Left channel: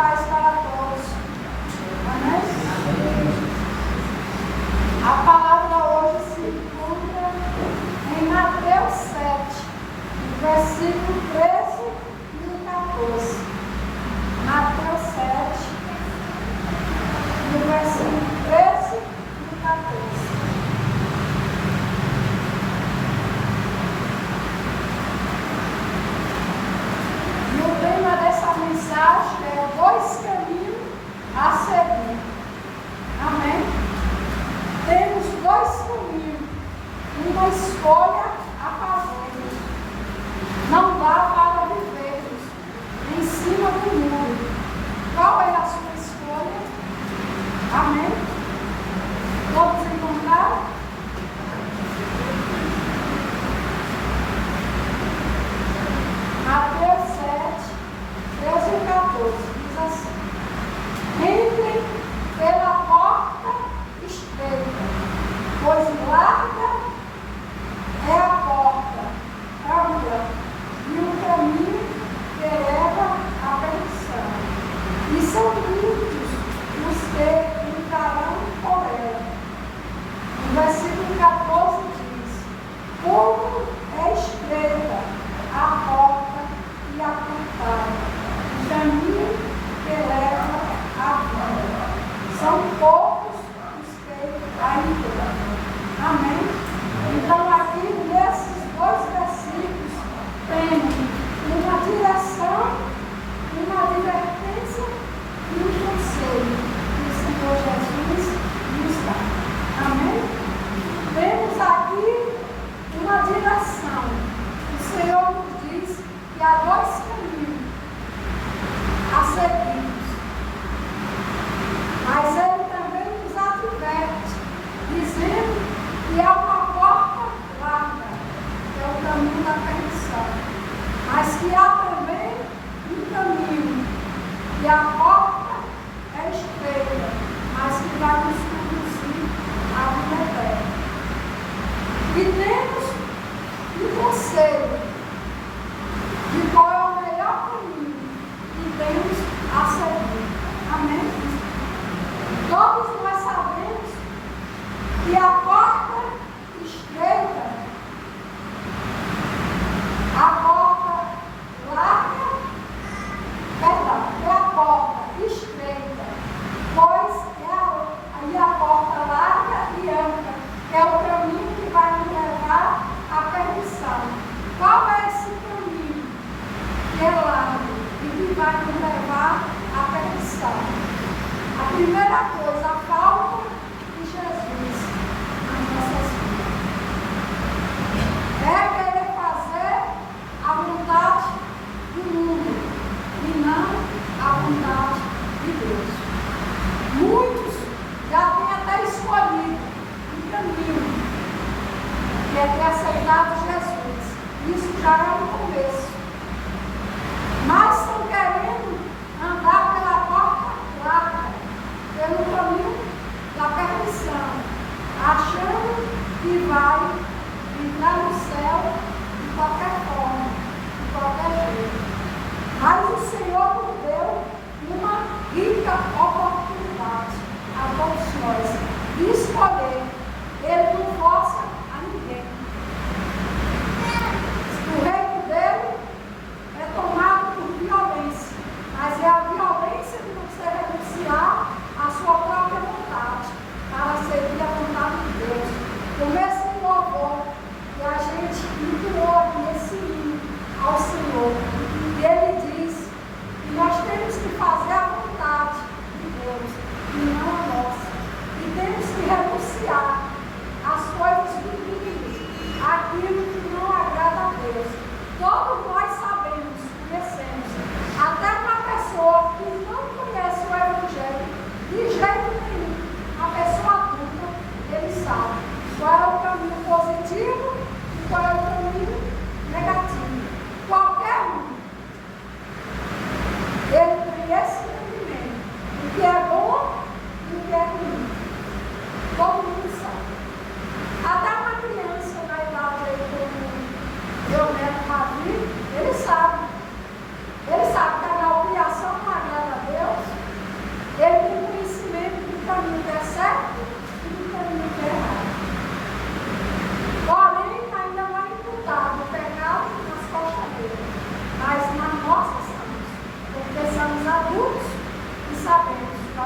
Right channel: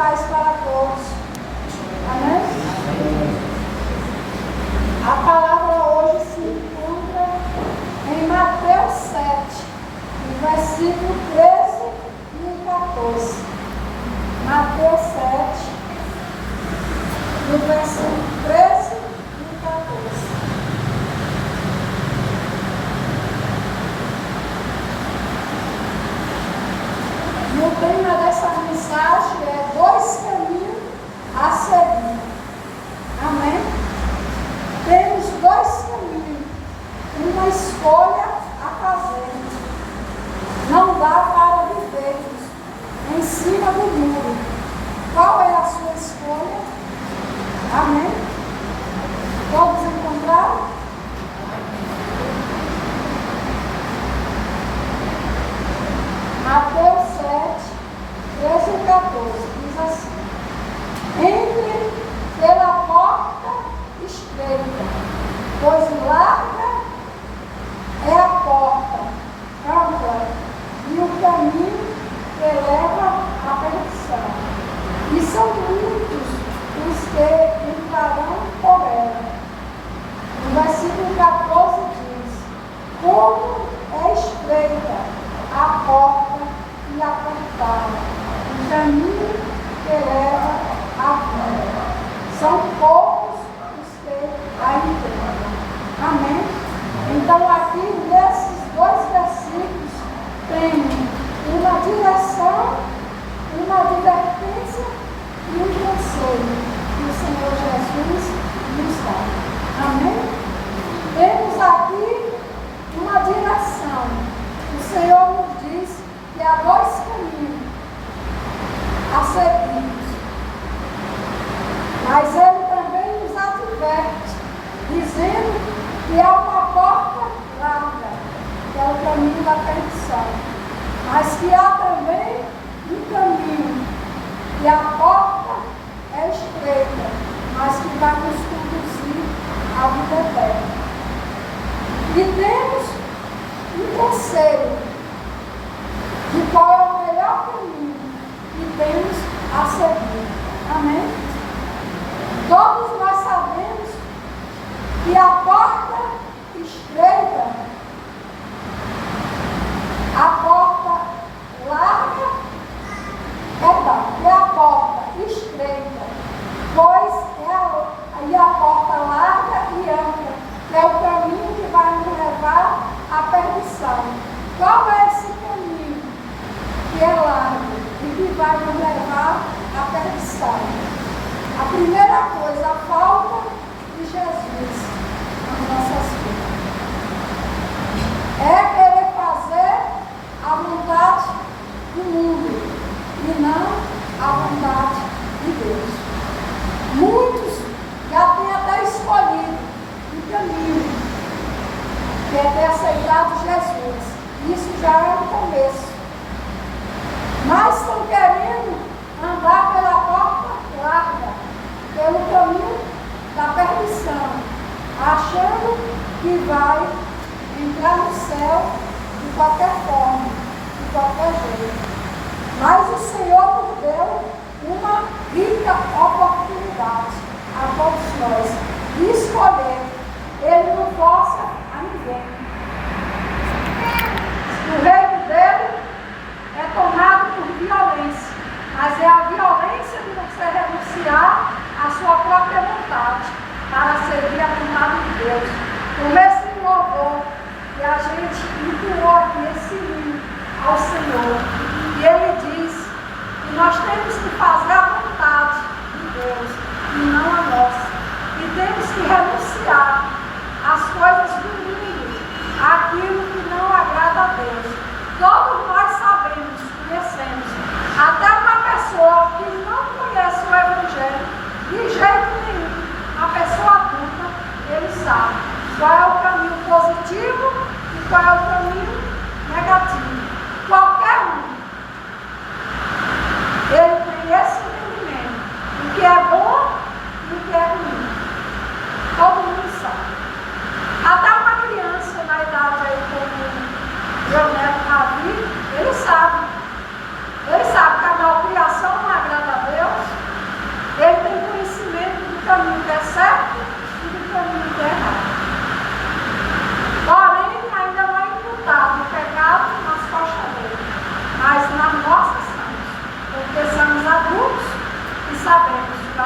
paz para todos. Amém? A palavra hoje se encontra em Mateus 7, no versículo 13 e 14. Mateus 7, no versículo 13 e 14. O tema dessa mensagem é 2 caminhos a seguir. Amém? Temos 2 caminhos, uma escolha a fazer. Não dá para vivermos em cima do mundo. Qual é a sua escolha? Amém? Todos encontraram? Mateus 7, 13 e 14, diz assim: entre pela porta estreita, pois larga é a porta, ampla, e o caminho que leva à perdição. E são muitos os que entrarão por ela. No versículo 14 diz: como é estreita a porta e apertada, o caminho que leva à vida. São poucos os que a encontram. Amém? Então, aqui nesses 2 versículos, tem uma direção, uma advertência e um conselho que o Senhor Jesus nos dá. Amém? Temos aqui uma direção. O Senhor nos diz que há 2 caminhos a seguir. Mas Ele também nos adverte, dizendo que há uma porta larga, que é o caminho da perdição. Mas que há também um caminho, e a porta é estreita, mas que vai nos conduzir à vida eterna. E temos um conselho de qual é o melhor caminho que temos a seguir. Amém? Todos nós sabemos que a porta estreita, a porta larga, é a porta estreita, pois é a porta larga e ampla, que é o caminho que vai nos levar à perdição. Qual é esse caminho que é largo e que vai nos levar à perdição?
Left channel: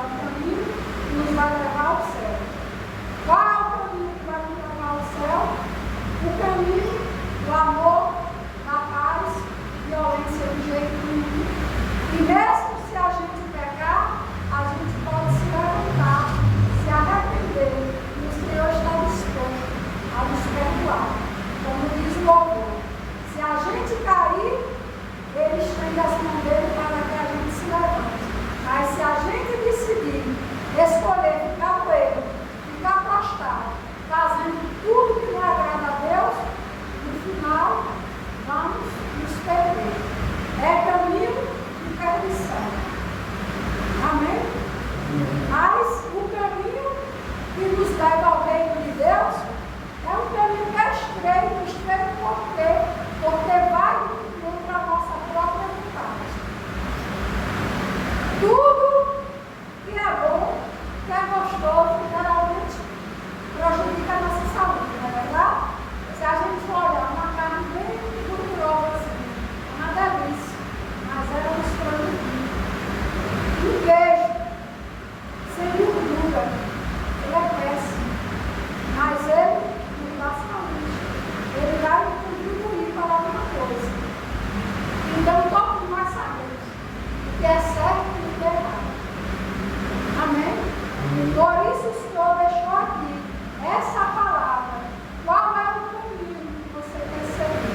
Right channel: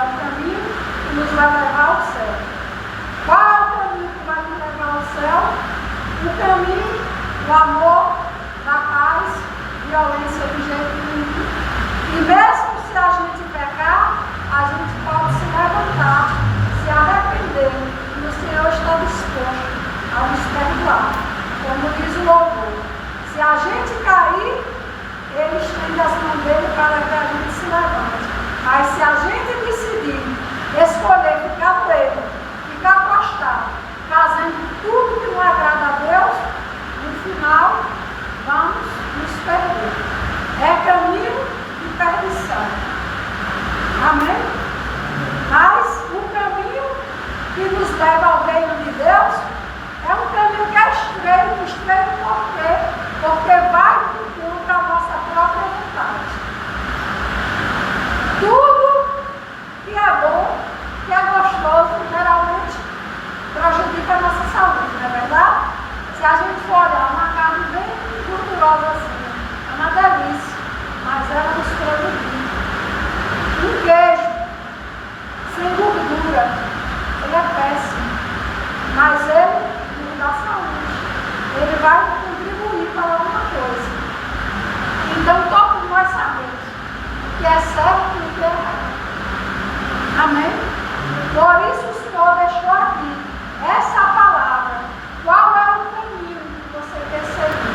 o caminho que nos vai levar ao céu. Qual é o caminho que vai nos levar ao céu? O caminho do amor, da paz, violência do jeito nenhum. E mesmo se a gente pecar, a gente pode se levantar, se arrepender, e o Senhor está disposto a nos perdoar. Como diz o louvor, se a gente cair, Ele estende as mãos dele para que a gente se levante. Mas se a gente decidir escolher ficar no erro, ficar prostrado, fazendo tudo que não agrada a Deus, no final vamos nos perder. É caminho de perdição. Amém? Mas o caminho que nos leva ao reino de Deus é um caminho que é estreito por quê? Porque vai contra a nossa própria vontade. Tudo que é bom, que é gostoso, geralmente prejudica a nossa saúde, não é verdade? Se a gente for olhar uma carne bem gordurosa assim, é uma delícia, mas ela nos prejudica. Um queijo sem gordura, ele é péssimo, mas ele nos dá saúde, ele vai contribuir para alguma coisa. Então todos nós sabemos o que é certo e o que é errado. Amém? Por isso o Senhor deixou aqui essa palavra. Qual é o caminho que você quer seguir?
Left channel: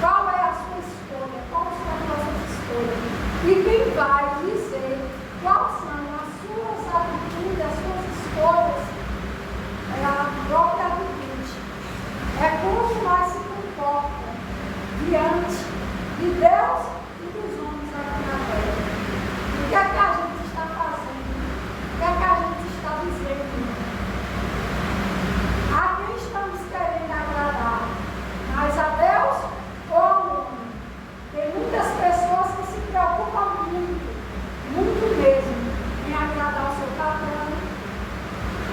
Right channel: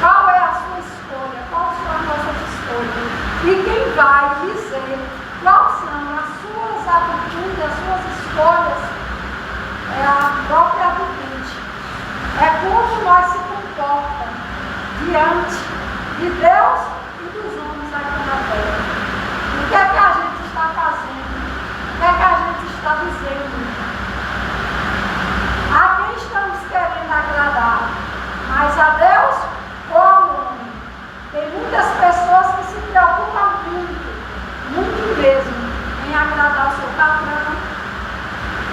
Qual é a sua escolha? Quais são as nossas escolhas? E quem vai dizer quais são as suas atitudes, as suas escolhas, é a própria atitude. É como nós se comportamos diante de Deus e dos homens aqui na terra. O que é que a gente está fazendo? O que é que a gente está dizendo? A quem estamos querendo agradar? Mais a Deus ou ao homem? Tem muitas pessoas que se preocupam muito mesmo, em agradar o seu patrão,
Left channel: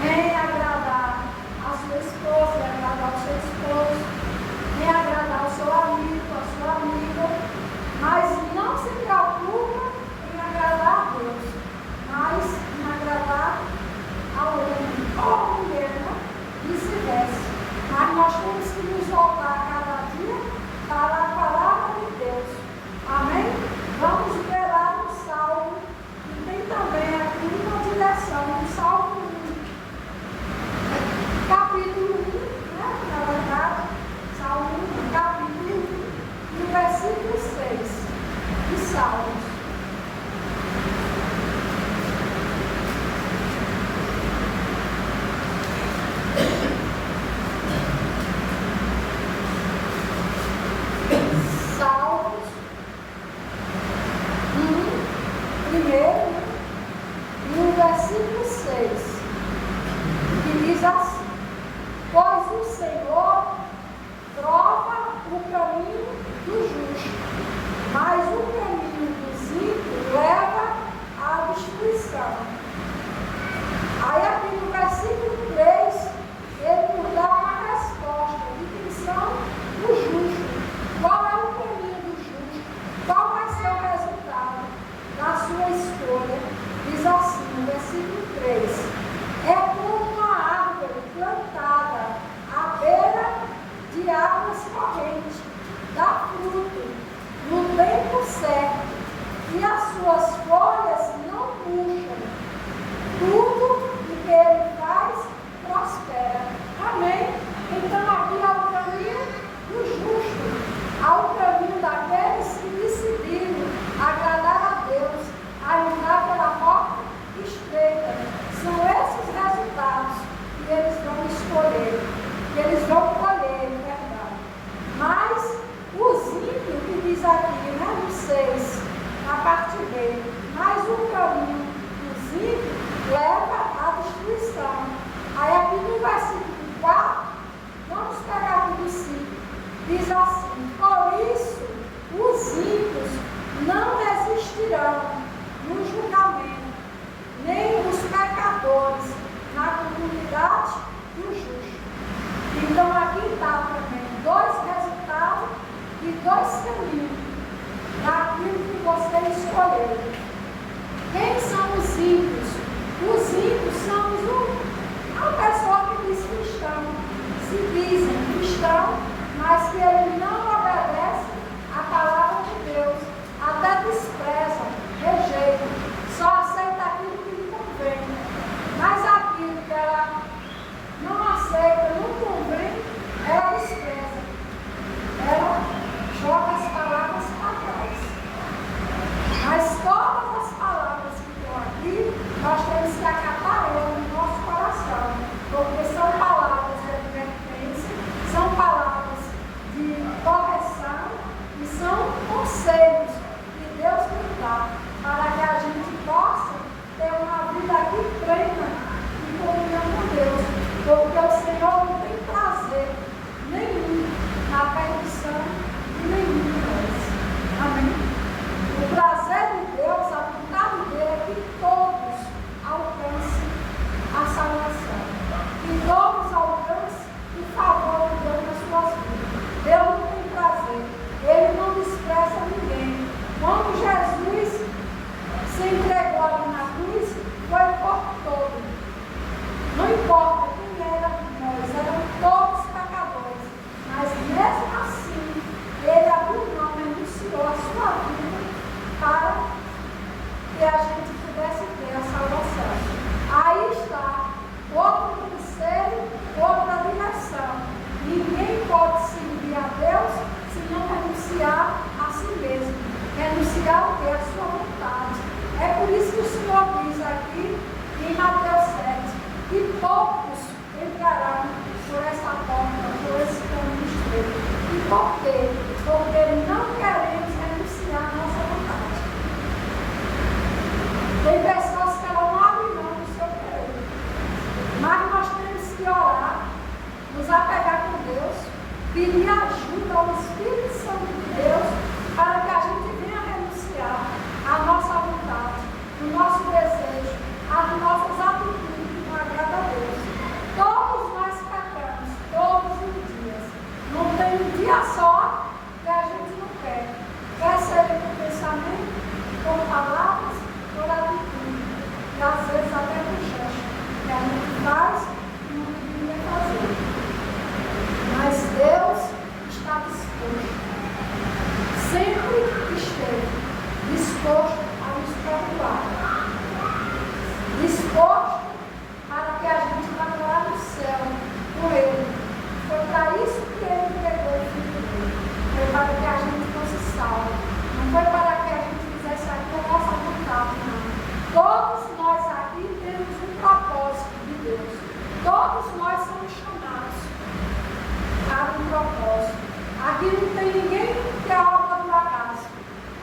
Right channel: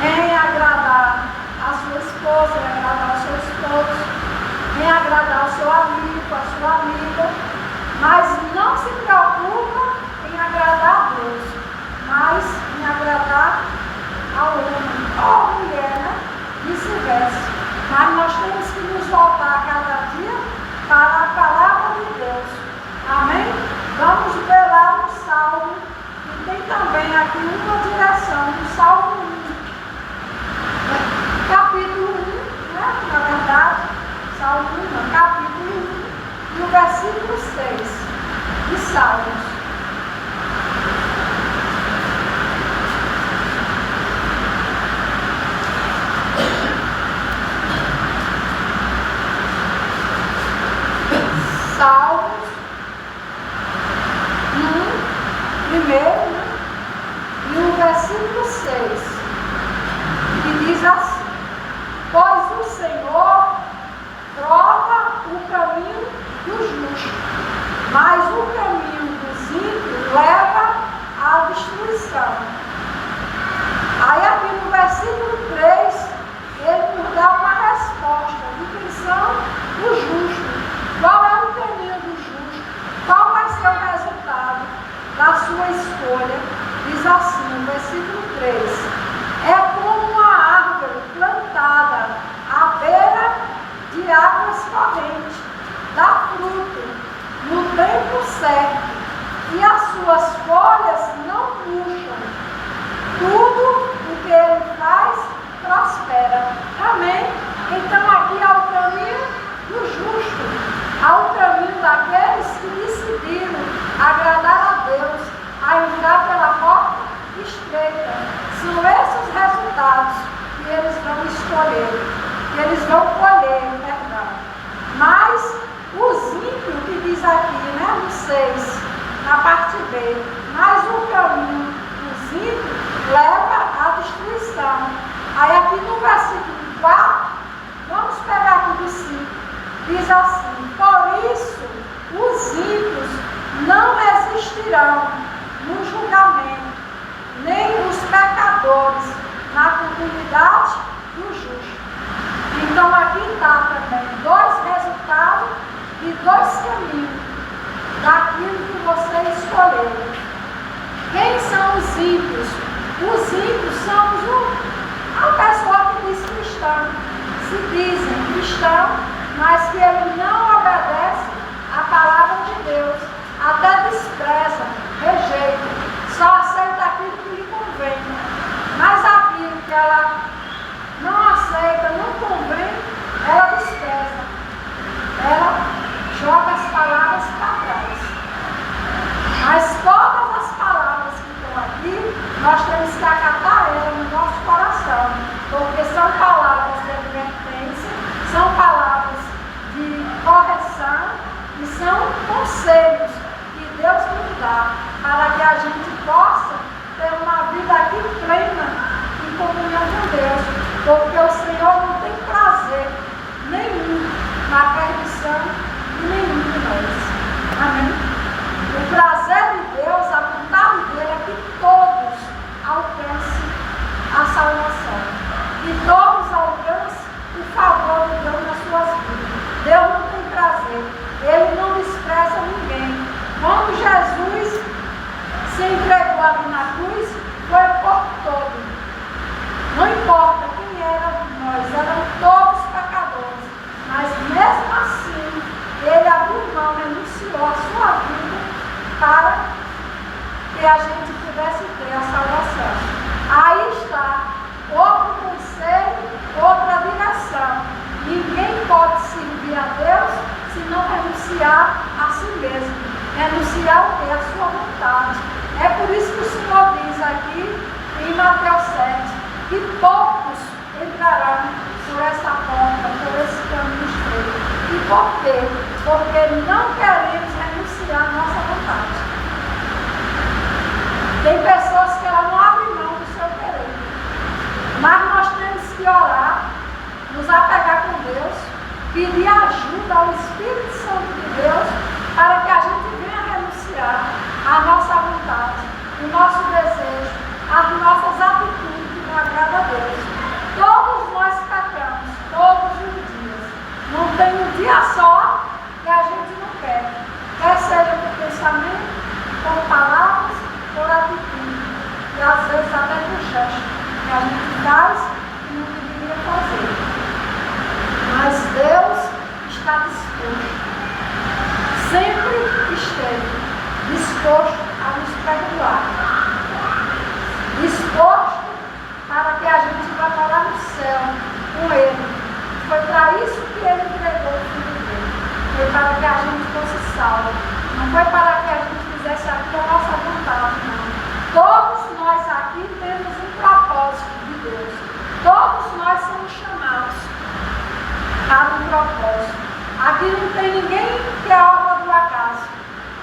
em agradar a sua esposa, em agradar o seu esposo, em agradar o seu amigo, a sua amiga, mas não se preocupa em agradar a Deus, mas em agradar ao homem, ou à mulher, né? Vice-versa. Mas nós temos que nos voltar cada dia para a palavra de Deus. Amém? Vamos ver lá no Salmo, e tem também aqui uma direção, no Salmo 1, capítulo 1, né? Na verdade, Salmo 1, capítulo 1, e o versículo 6 de Salmos. Salmos 1, primeiro, e o versículo 6, que diz assim: pois o Senhor prova o caminho do justo, mas o caminho dos ímpios leva à destruição. Aí aqui no versículo 3, ele nos dá uma resposta de quem são os justos. Qual é o caminho do justo? Qual vai ser o resultado da sua escolha? Diz assim, no versículo 3: é como uma árvore plantada à beira de águas correntes, dá fruto no tempo certo, e as suas folhas não murcham. Tudo o que ele faz prospera. Amém? Então aqui é o caminho do justo. Ao caminho daqueles que decidiram agradar a Deus, a entrar pela porta estreita. São esses resultados que eles vão escolher, que eles vão colher, perdão. Mas os ímpios, que diz aqui, né, no 6, na parte B, mas o caminho dos ímpios leva à destruição. Aí aqui no versículo 4, vamos pegar aqui do 5. Diz assim: por isso os ímpios não existirão no julgamento, nem os pecadores na comunidade do justo. Então aqui está também dois resultados e dois caminhos daquilo que você escolheu. Quem são os ímpios? se dizem cristãos, mas que ele não obedece à palavra de Deus, até despreza, rejeita, só aceita aquilo que lhe convém. Mas aquilo que ela não aceita, não convém, ela despreza. Ela joga as palavras para trás. Mas todas as palavras que estão aqui, nós temos que acatar elas no nosso coração, porque são palavras de advertência, são palavras de correção e são conselhos que Deus nos dá para que a gente possa ter uma vida aqui plena em comunhão com Deus, porque o Senhor não tem prazer nenhum na perdição de nenhum de nós. Amém? O prazer de Deus, a vontade dele é que todos alcancem a salvação, que todos alcancem o favor de Deus nas suas vidas. Deus não tem prazer, ele não despreza ninguém. Quando Jesus se entregou ali na cruz, foi por todo. Não importa quem era nós, eram todos pecadores, mas mesmo assim, ele abriu mão, renunciou a sua vida para que a gente pudesse ter a salvação. Aí está outro conselho, outra direção. Ninguém pode servir a Deus se não renunciar a si mesmo. Renunciar o quê? A sua vontade. É por isso que o Senhor diz aqui em Mateus 7 que poucos entrarão por essa porta, por esse caminho estreito. E por quê? Porque não queremos renunciar a nossa vontade. Tem pessoas que ela não abrem mão do seu querer. Mas nós temos que orar, nos apegar com Deus, pedir ajuda ao Espírito Santo de Deus, para que a gente venha renunciar à nossa vontade, o nosso desejo, as nossas atitudes que não agradam a Deus. Todos nós pecamos, todos os dias. Não tem um dia só que a gente não peca. Quer seja por pensamento, por palavras, por atitude. E às vezes até por gesto que a gente faz e não deveria fazer. Mas Deus está disposto. Sempre esteve disposto a nos perdoar. Disposto para que a gente vá morar no céu com Ele. Foi para isso que Ele entregou o Filho dele. Foi para que a gente fosse salvo. Não foi para que a gente fizesse aquilo a nossa vontade, não. Todos nós aqui temos um propósito de Deus. Todos nós somos chamados para um propósito. Aqui não tem ninguém que é obra do acaso.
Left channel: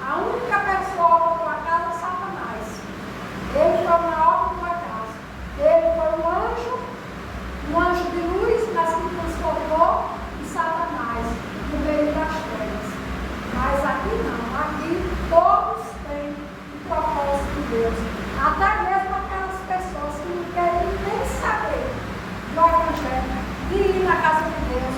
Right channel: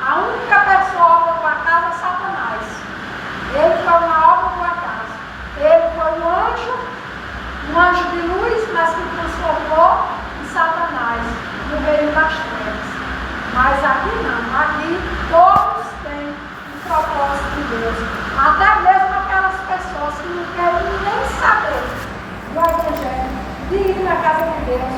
A única pessoa obra do acaso é Satanás. Ele foi uma obra do acaso. Ele foi um anjo de luz, mas que transformou em Satanás, no meio das trevas. Mas aqui não. Aqui todos têm um propósito de Deus. Até mesmo aquelas pessoas que não querem nem saber do Evangelho, de ir na casa de Deus.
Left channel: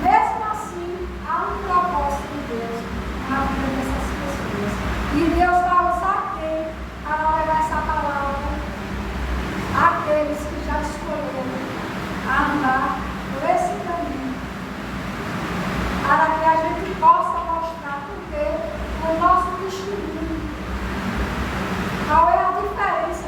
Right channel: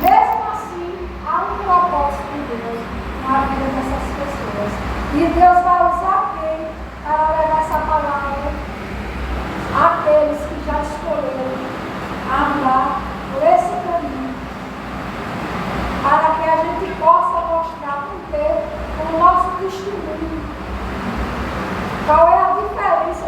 Mesmo assim, há um propósito de Deus na vida dessas pessoas. E Deus vai usar quem para levar essa palavra àqueles que já escolheram andar por esse caminho, para que a gente possa mostrar por ter o nosso testemunho. Qual é a diferença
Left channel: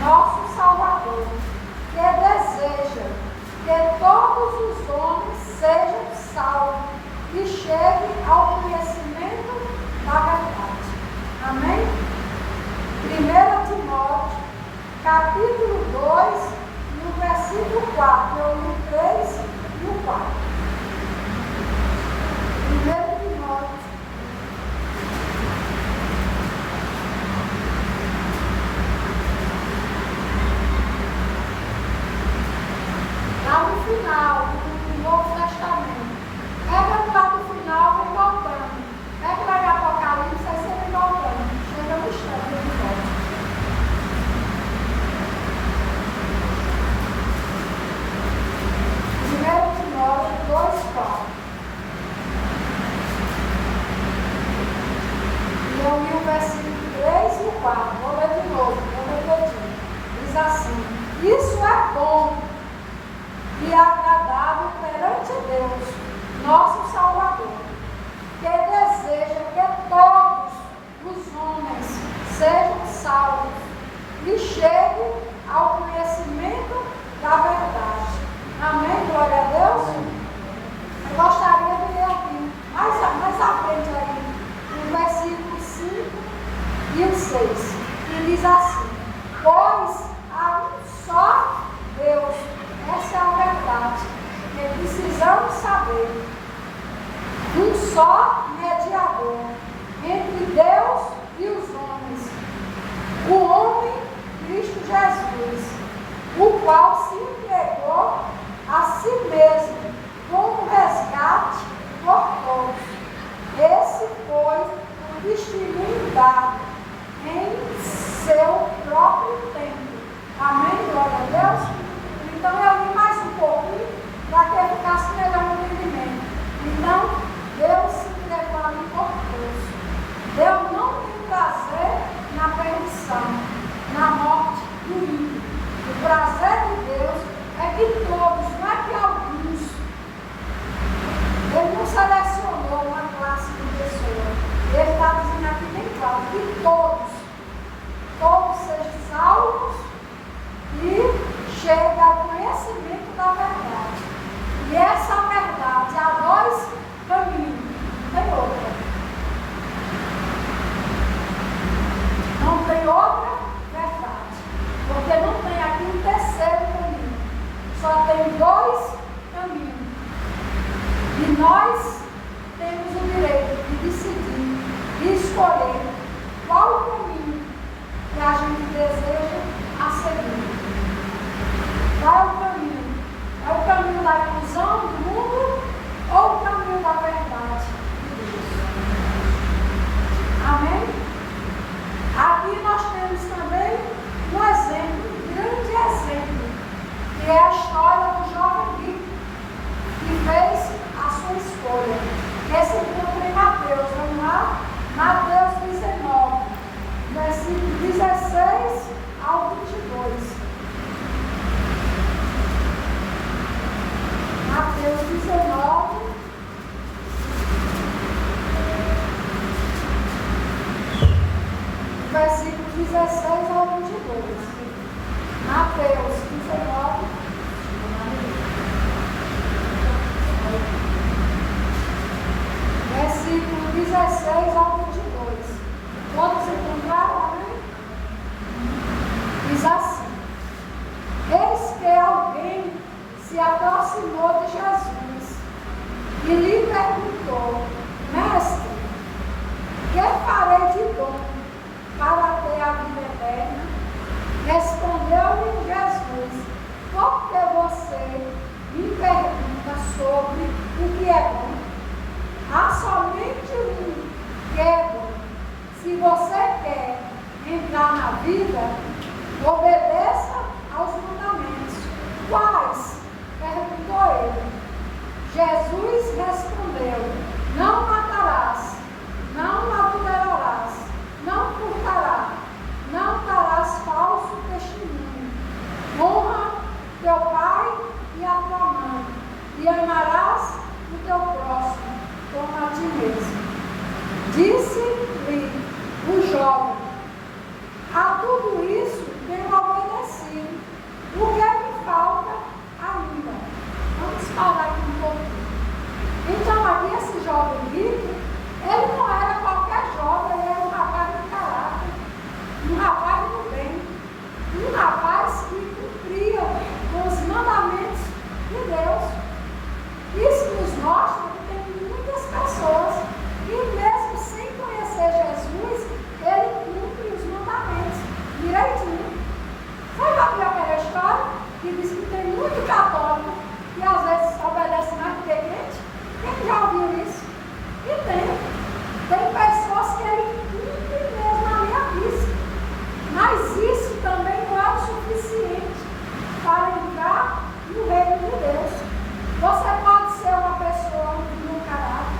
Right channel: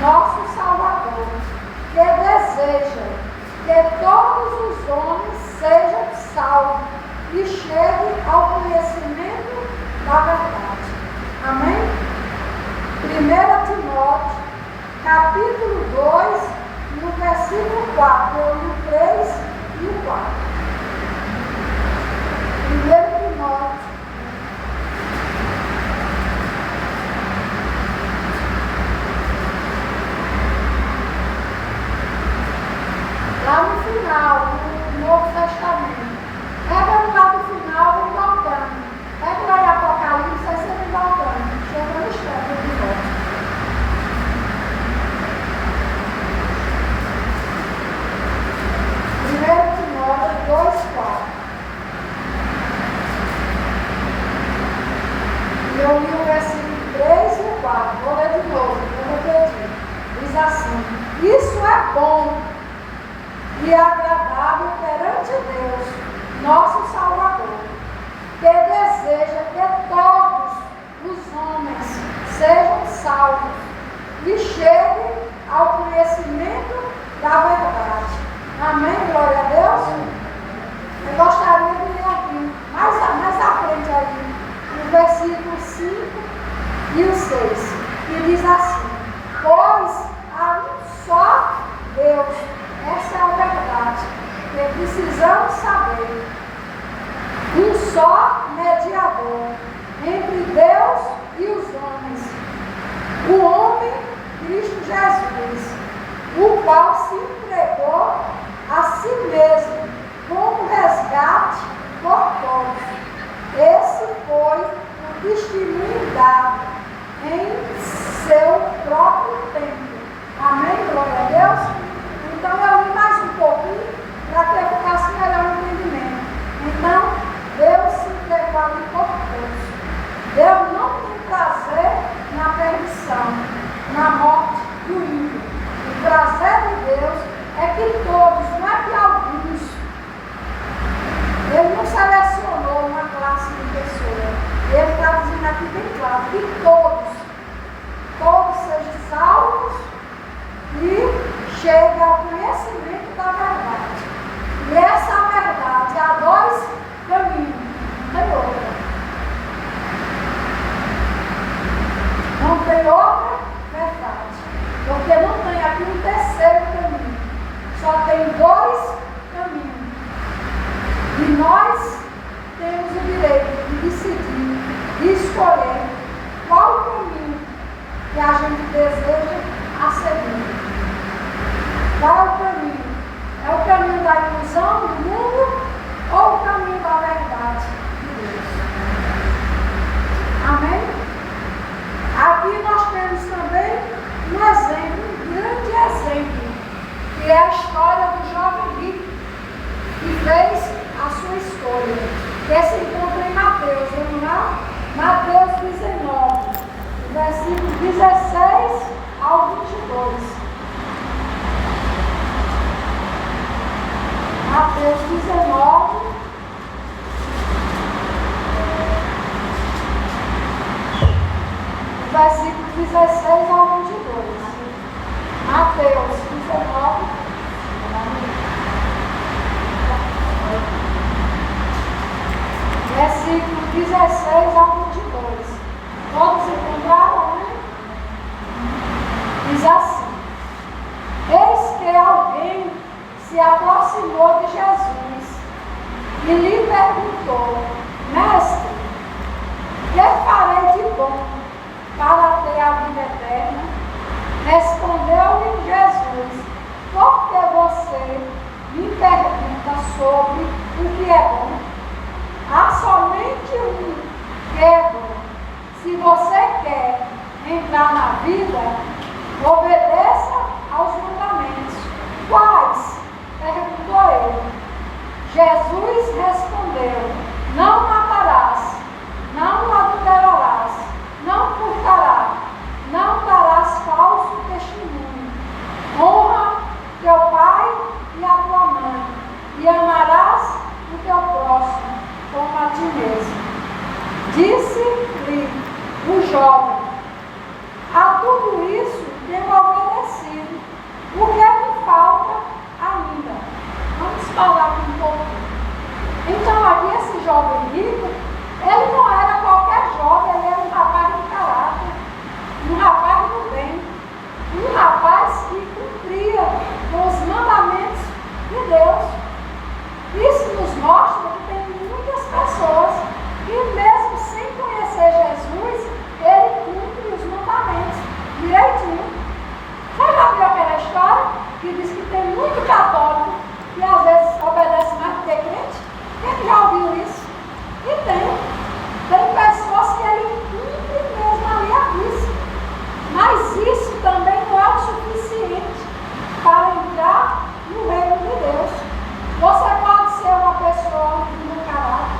nosso Salvador, que deseja que todos os homens sejam salvos e cheguem ao conhecimento da verdade. Amém? 1 Timóteo, capítulo 2, no versículo 4, eu li o 3 e o 4. 1 Timóteo, lá no final, no Novo Testamento. Pega lá no final, vem voltando. Pega lá no Apocalipse, aí você vem voltando. Chega no instante de volta. 1 Timóteo 2:4. E eu li o versículo 3 e o 4. Vou ler de novo, vou repetir. Diz assim: isso é bom e agradável perante Deus, nosso Salvador, que deseja que todos os homens sejam salvos e cheguem ao conhecimento da verdade. Amém? Glória a Deus. Eu gostaria de ler aqui, mais à frente aí, no versículo 5 e o 6, que diz assim: pois há um só Deus. Essa é a verdade que precisamos saber. Um só mediador entre Deus e os homens, o homem Cristo Jesus, o qual se entregou a si mesmo como resgate por todos. Esse foi o testemunho dado em seu próprio tempo. Amém? Glória a Deus. Então eu li mais um pouquinho para que eu ficasse melhor no entendimento. Então, Deus se entregou ali por todos. Deus não tem prazer na perdição, na morte do ímpio. O prazer de Deus é que todos, não é que alguns. Ele não selecionou uma classe de pessoas. Ele está dizendo aqui bem claro que todos sejam salvos e chega ao conhecimento da verdade. E essa verdade há dois caminhos, não tem outra. Não tem outra verdade. Porque não tem aqui um terceiro caminho. Só tem dois caminhos. E nós temos o direito de decidir e escolher qual o caminho que a gente deseja a seguir. Qual é o caminho? É o caminho da ilusão do mundo ou o caminho da verdade de Deus? Amém? Aqui nós temos também um exemplo, um grande exemplo, que é a história do jovem rico, que fez a sua escolha, que se encontra em Mateus. Vamos lá? Mateus 19, versículo 16 ao 22. Mateus 19, versículo 16 ao 22. Mateus 19, versículo 16 ao 22. Todos encontraram, né? Diz assim: eis que alguém se aproximou de Jesus e lhe perguntou: mestre, que farei de bom para ter a vida eterna? Respondeu-lhe Jesus: por que você me pergunta sobre o que é bom? Há somente um que é bom. Se você quer entrar na vida, obedeça aos mandamentos. Quais? Perguntou ele. Jesus respondeu: não matarás, não adulterarás, não furtarás, não darás falso testemunho. Honra teu pai e a tua mãe, e amarás o teu próximo como a ti mesmo. Disse-lhe o jovem: a tudo rapaz que cumpria os mandamentos de Deus. Isso nos mostra que tem muitas pessoas que, mesmo sem conhecer Jesus, ele cumpre os mandamentos direitinho. Você já viu aquela história que diz que tem muito católico que às vezes obedece mais do que crente? Quem já ouviu isso? E tem pessoas que ele cumpre mesmo ali a risca. Mas isso também não é o suficiente para entrar no reino de Deus. Você pode ser uma pessoa de bom caráter,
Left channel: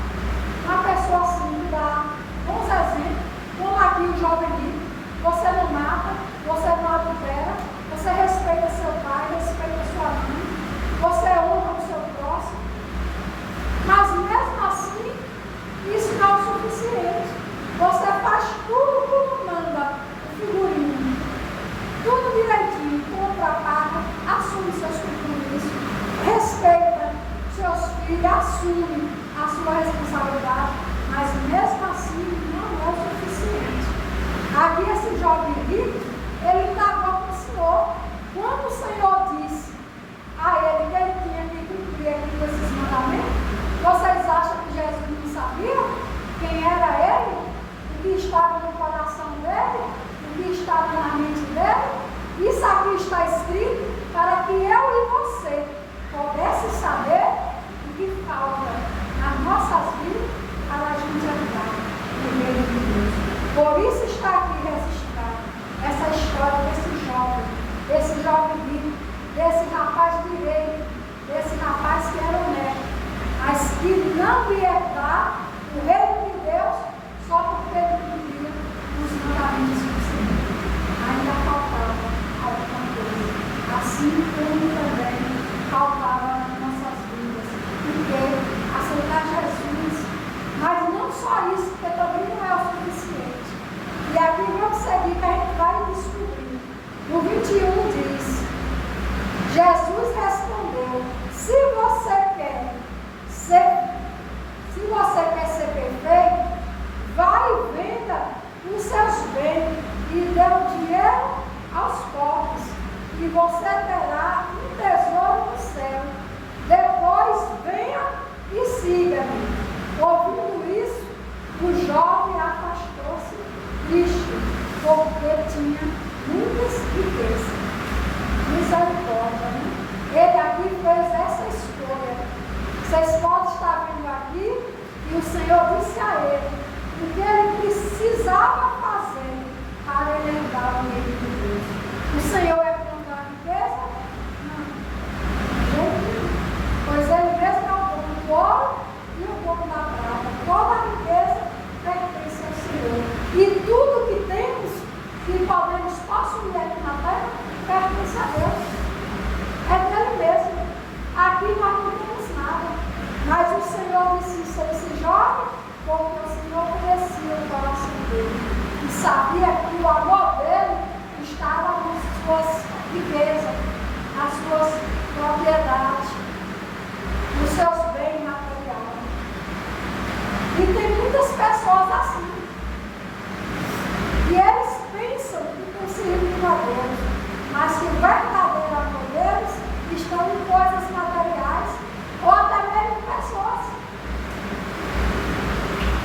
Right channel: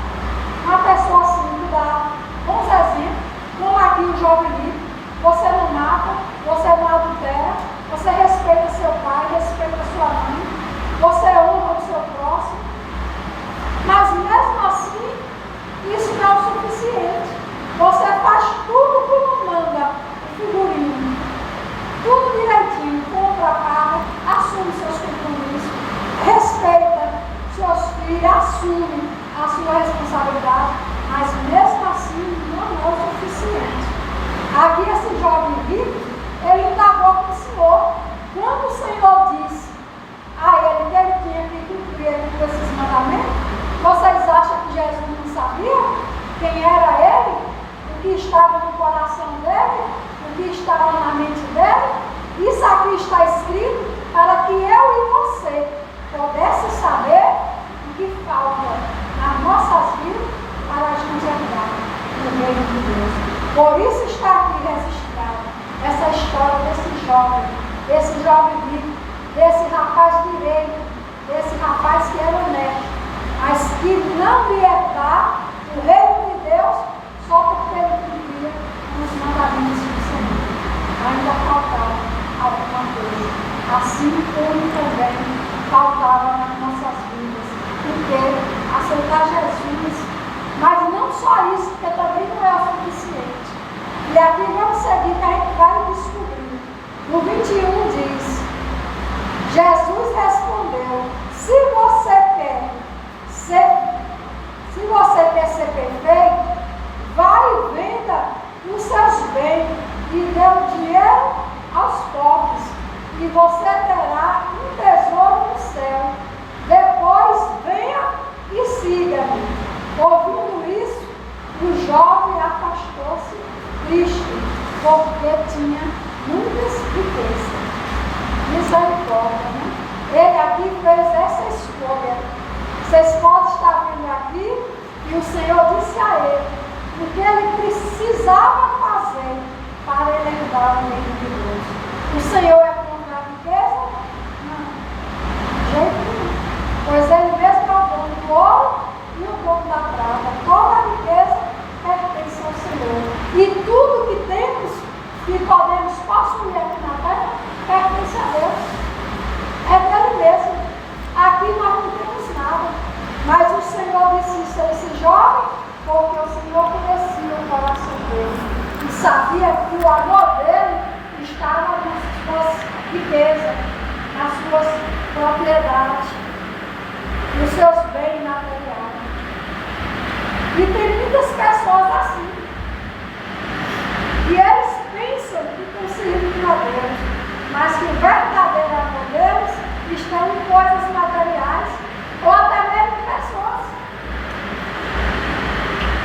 uma pessoa assim, que dá bons exemplos, como aqui o jovem rico. Você não mata, você não adultera, você respeita seu pai, respeita sua mãe, você honra o seu próximo. Mas mesmo assim, isso não é o suficiente. Você faz tudo como manda o figurino, tudo direitinho, compra, paga, assume seus compromissos, respeita seus filhos, assume a sua responsabilidade, mas mesmo assim não é o suficiente. Aqui esse jovem rico, ele indagou com o Senhor. Quando o Senhor disse a ele que ele tinha que cumprir esses mandamentos, vocês acham que Jesus não sabia quem era ele? O que estava no coração dele? O que estava na mente dele? Isso aqui está escrito para que eu e você pudesse saber o que falta nas nossas vidas para a gente entrar no reino de Deus. Por isso está aqui registrada essa história desse jovem rico, desse rapaz direito, desse rapaz que era honesto, mas que não ia dar o reino de Deus só porque ele cumpria os mandamentos do Senhor. Ainda faltava alguma coisa, assim como também faltava nas nossas vidas, porque aceitar Jesus, mas não só isso, porque também não é o suficiente. E aqui vamos seguir, que a gente vai descobrir. No 21 diz: Jesus respondeu: se você quer ser perfeito, vai e venda os seus bens e dê o dinheiro aos pobres, e você terá um tesouro no céu. Depois venha e siga-me. Ouvindo isso, o jovem afastou-se triste, porque tinha muitas riquezas. Misericórdia, né? Ele aqui fez essa escolha. Vocês podem estar vendo aqui, e o Senhor disse a ele o que ele precisava fazer para ele entrar no reino de Deus. O Senhor é contra a riqueza? Não, de jeito nenhum. Pois ele mesmo é o dono do ouro e o dono da prata. Toda a riqueza pertence ao Senhor. E tudo que temos, que podemos possuir aqui na terra, pertence a Deus. É dele mesmo. Aqui nós não temos nada. Mas o Senhor disse isso a esse jovem, porque o Senhor conhecia o coração dele. E sabia que o amor dele estava nas suas riquezas, nas suas propriedades, nos seus bens materiais. E tem muitas pessoas assim. E eles pensam que conseguiram a Deus, mas que o verdadeiro amor deles estão em coisas materiais ou até mesmo em pessoas.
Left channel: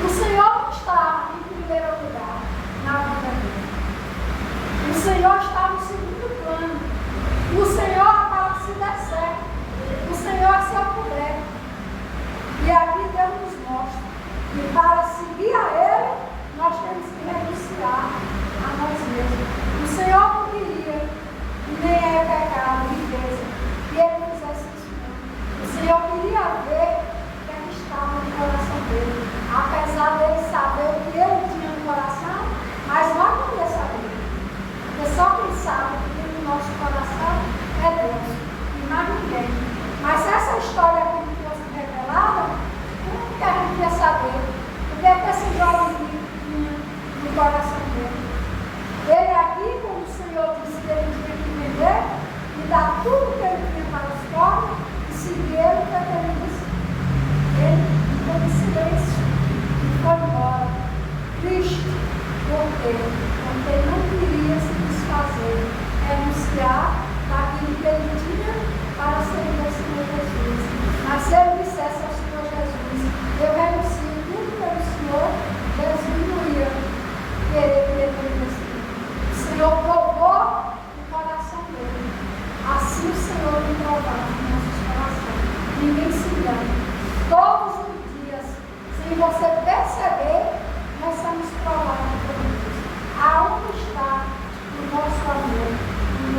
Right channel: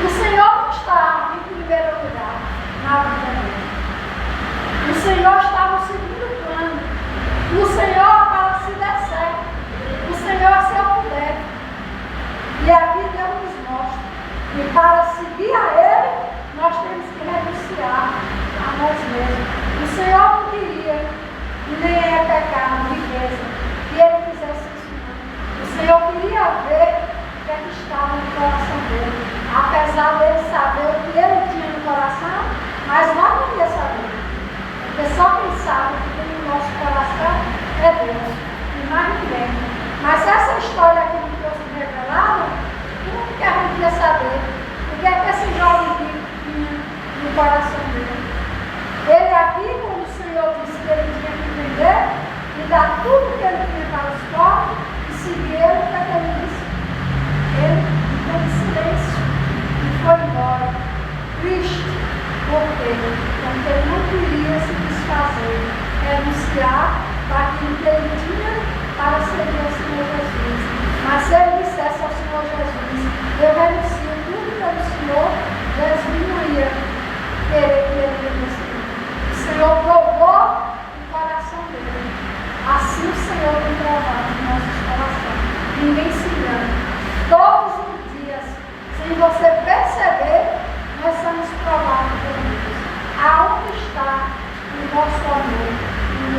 O Senhor não está em primeiro lugar na vida dele. O Senhor está no segundo plano. O Senhor para se der certo. O Senhor se eu puder. E aqui Deus nos mostra que para seguir a Ele, nós temos que renunciar a nós mesmos. O Senhor não queria, e nem é pecar na riqueza, que Ele fizesse isso. O Senhor queria ver o que estava no coração dele. Apesar dele saber o que ele tinha no coração, mas nós não queríamos saber. Porque só quem sabe o que tem no nosso coração é Deus, e mais ninguém. Mas se essa história aqui não fosse revelada, como que a gente ia saber? O que é que esse jovem rico tinha no coração dele? Ele aqui, quando o Senhor disse que ele tinha que vender e dar tudo que ele tinha para os pobres e seguir ele, o que ele disse? Ele ficou em silêncio e foi embora, triste, porque ele não queria se desfazer, renunciar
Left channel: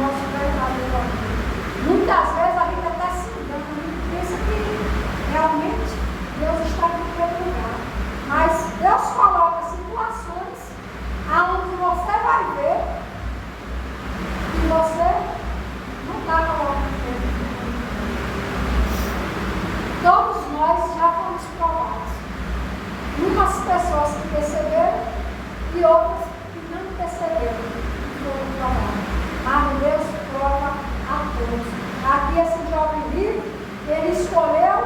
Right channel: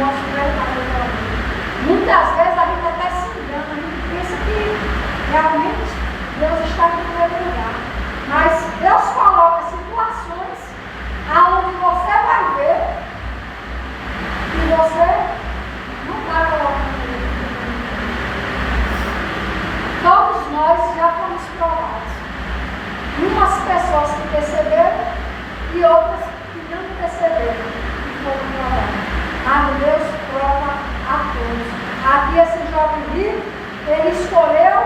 nosso verdadeiro amor. Muitas vezes a gente até se engana, a gente pensa que realmente Deus está em primeiro lugar. Mas Deus coloca situações aonde você vai ver que você não está colocando Ele. Todos nós já fomos provados. Umas pessoas que perceberam e outras que não perceberam e foram provadas. Mas Deus prova a todos. Aqui esse jovem rico, ele escolheu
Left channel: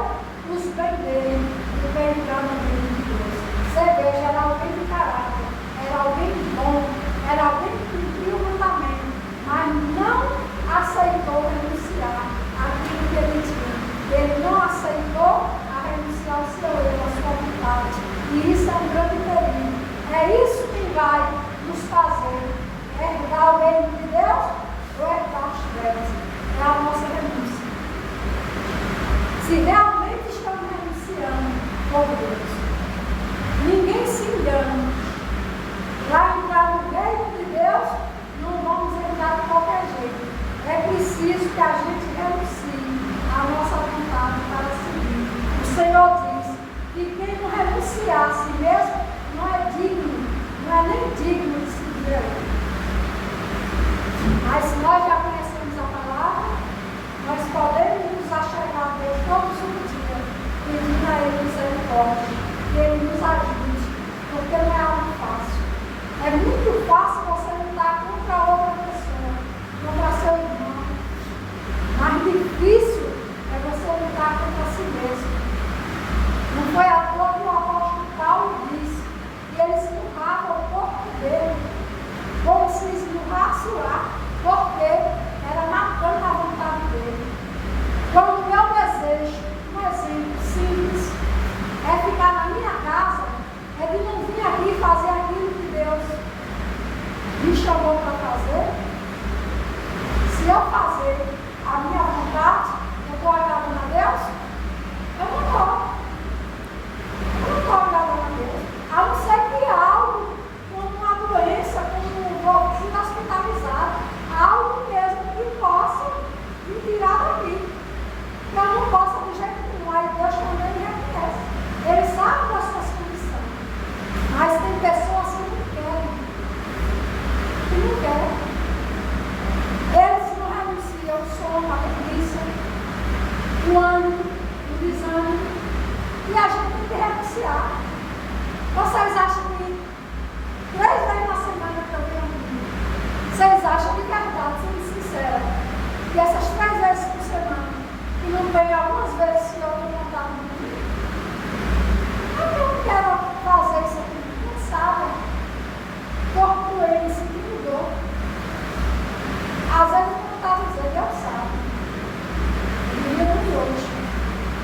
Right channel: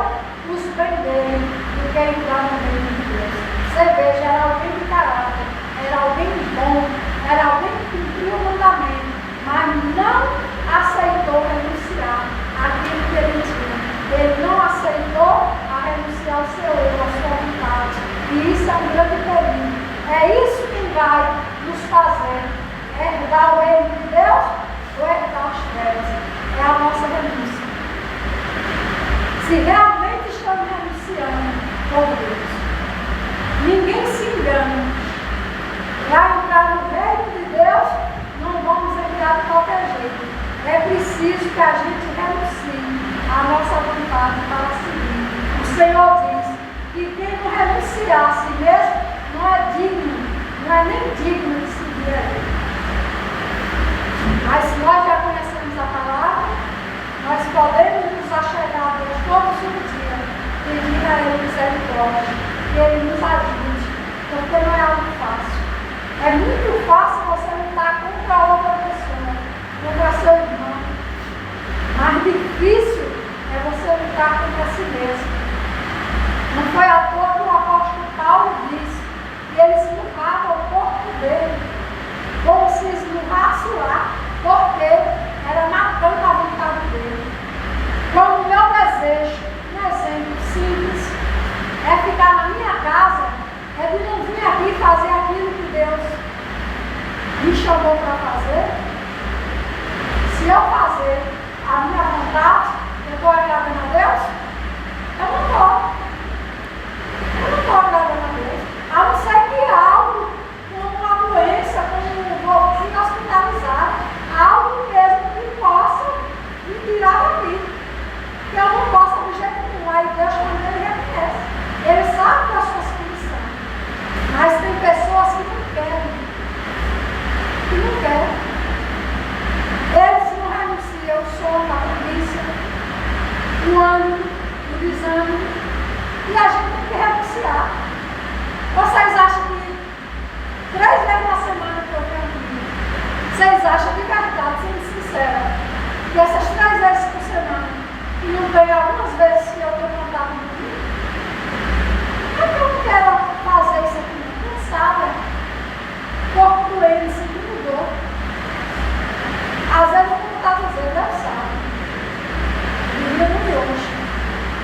os bem dele do que entrar no reino de Deus. Você veja, era alguém de caráter, era alguém bom, era alguém que cumpria o mandamento, mas não aceitou renunciar àquilo que ele tinha. Ele não aceitou a renunciar ao seu eu, à sua vontade. E isso é um grande perigo. É isso que vai nos fazer herdar o reino de Deus ou herdar as trevas. É a nossa renúncia. Se realmente estamos renunciando por Deus, ninguém se engana. Vai entrar no reino de Deus, não vamos entrar de qualquer jeito. É preciso que a gente renuncie a nossa vontade para seguir. O Senhor diz que quem não renunciar a si mesmo não é digno, não é nem digno de seguir a Ele. Mas se nós já conhecemos a palavra, nós podemos nos achegar a Deus todos os dias, pedir a Ele misericórdia, que Ele nos ajude, porque não é algo fácil. É muito fácil você lutar contra outra pessoa, contra seu irmão. Mais difícil é você lutar contra si mesmo. Não foi à toa que o apóstolo Paulo disse que ele esmurrava o corpo dele, como se esmurrasse lá, porque era matando a vontade dele. Então, o meu desejo, um exemplo simples, é ficar na minha casa, é de não vir aqui fazer aquilo que Deus me chamou para fazer. Se eu fazer a minha vontade, eu estou agradando a Deus? Eu não estou. Eu não estou agradando a Deus. A não ser que algo, como uma doença, como vou ser hospitalizado, algo mesmo que possa me tirar daqui. Que eu não posso do jeito nenhum. Aí Deus também reconhece. Ele sabe das suas condições. Mas tem pessoas que não querem. Que não querem. Eles não renunciam ao sono, à preguiça, o ânimo, o desânimo. E a gente tem que renunciar. Vocês acham que 3 vezes na semana que eu tenho comigo, vocês acham de verdade, sendo sincera, que essas 3 vezes por semana, e não tem algumas vezes que eu tenho vontade de dormir? É que eu não quero fazer isso aqui, não. Quem sabe? Corpo doente, sentindo dor. Às vezes eu não está dizendo, Deus sabe. Dia de hoje.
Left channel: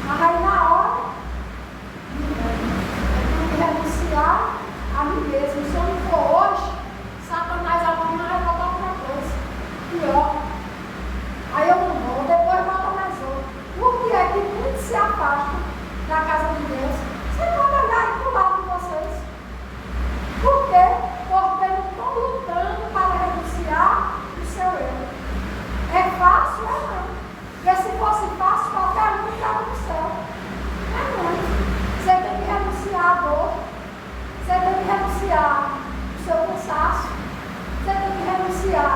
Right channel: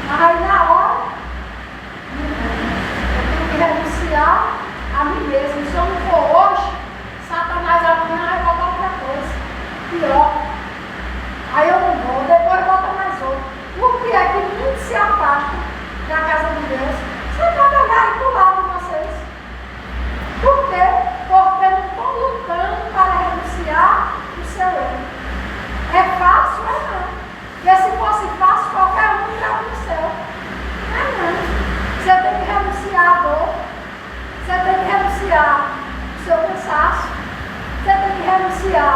Mas aí na hora, eu tenho que renunciar a mim mesmo. Se eu não for hoje, Satanás amanhã vai botar outra coisa. Pior. Aí eu não vou, depois bota mais outro. Por que é que muitos se afastam da casa de Deus? Você pode olhar aí para o lado de vocês. Por quê? Porque não estão lutando para renunciar o seu eu. É fácil? É não. Porque se fosse fácil, qualquer um estava no céu. É não. Você tem que renunciar à dor. Você tem que renunciar ao seu cansaço. Você tem que renunciar,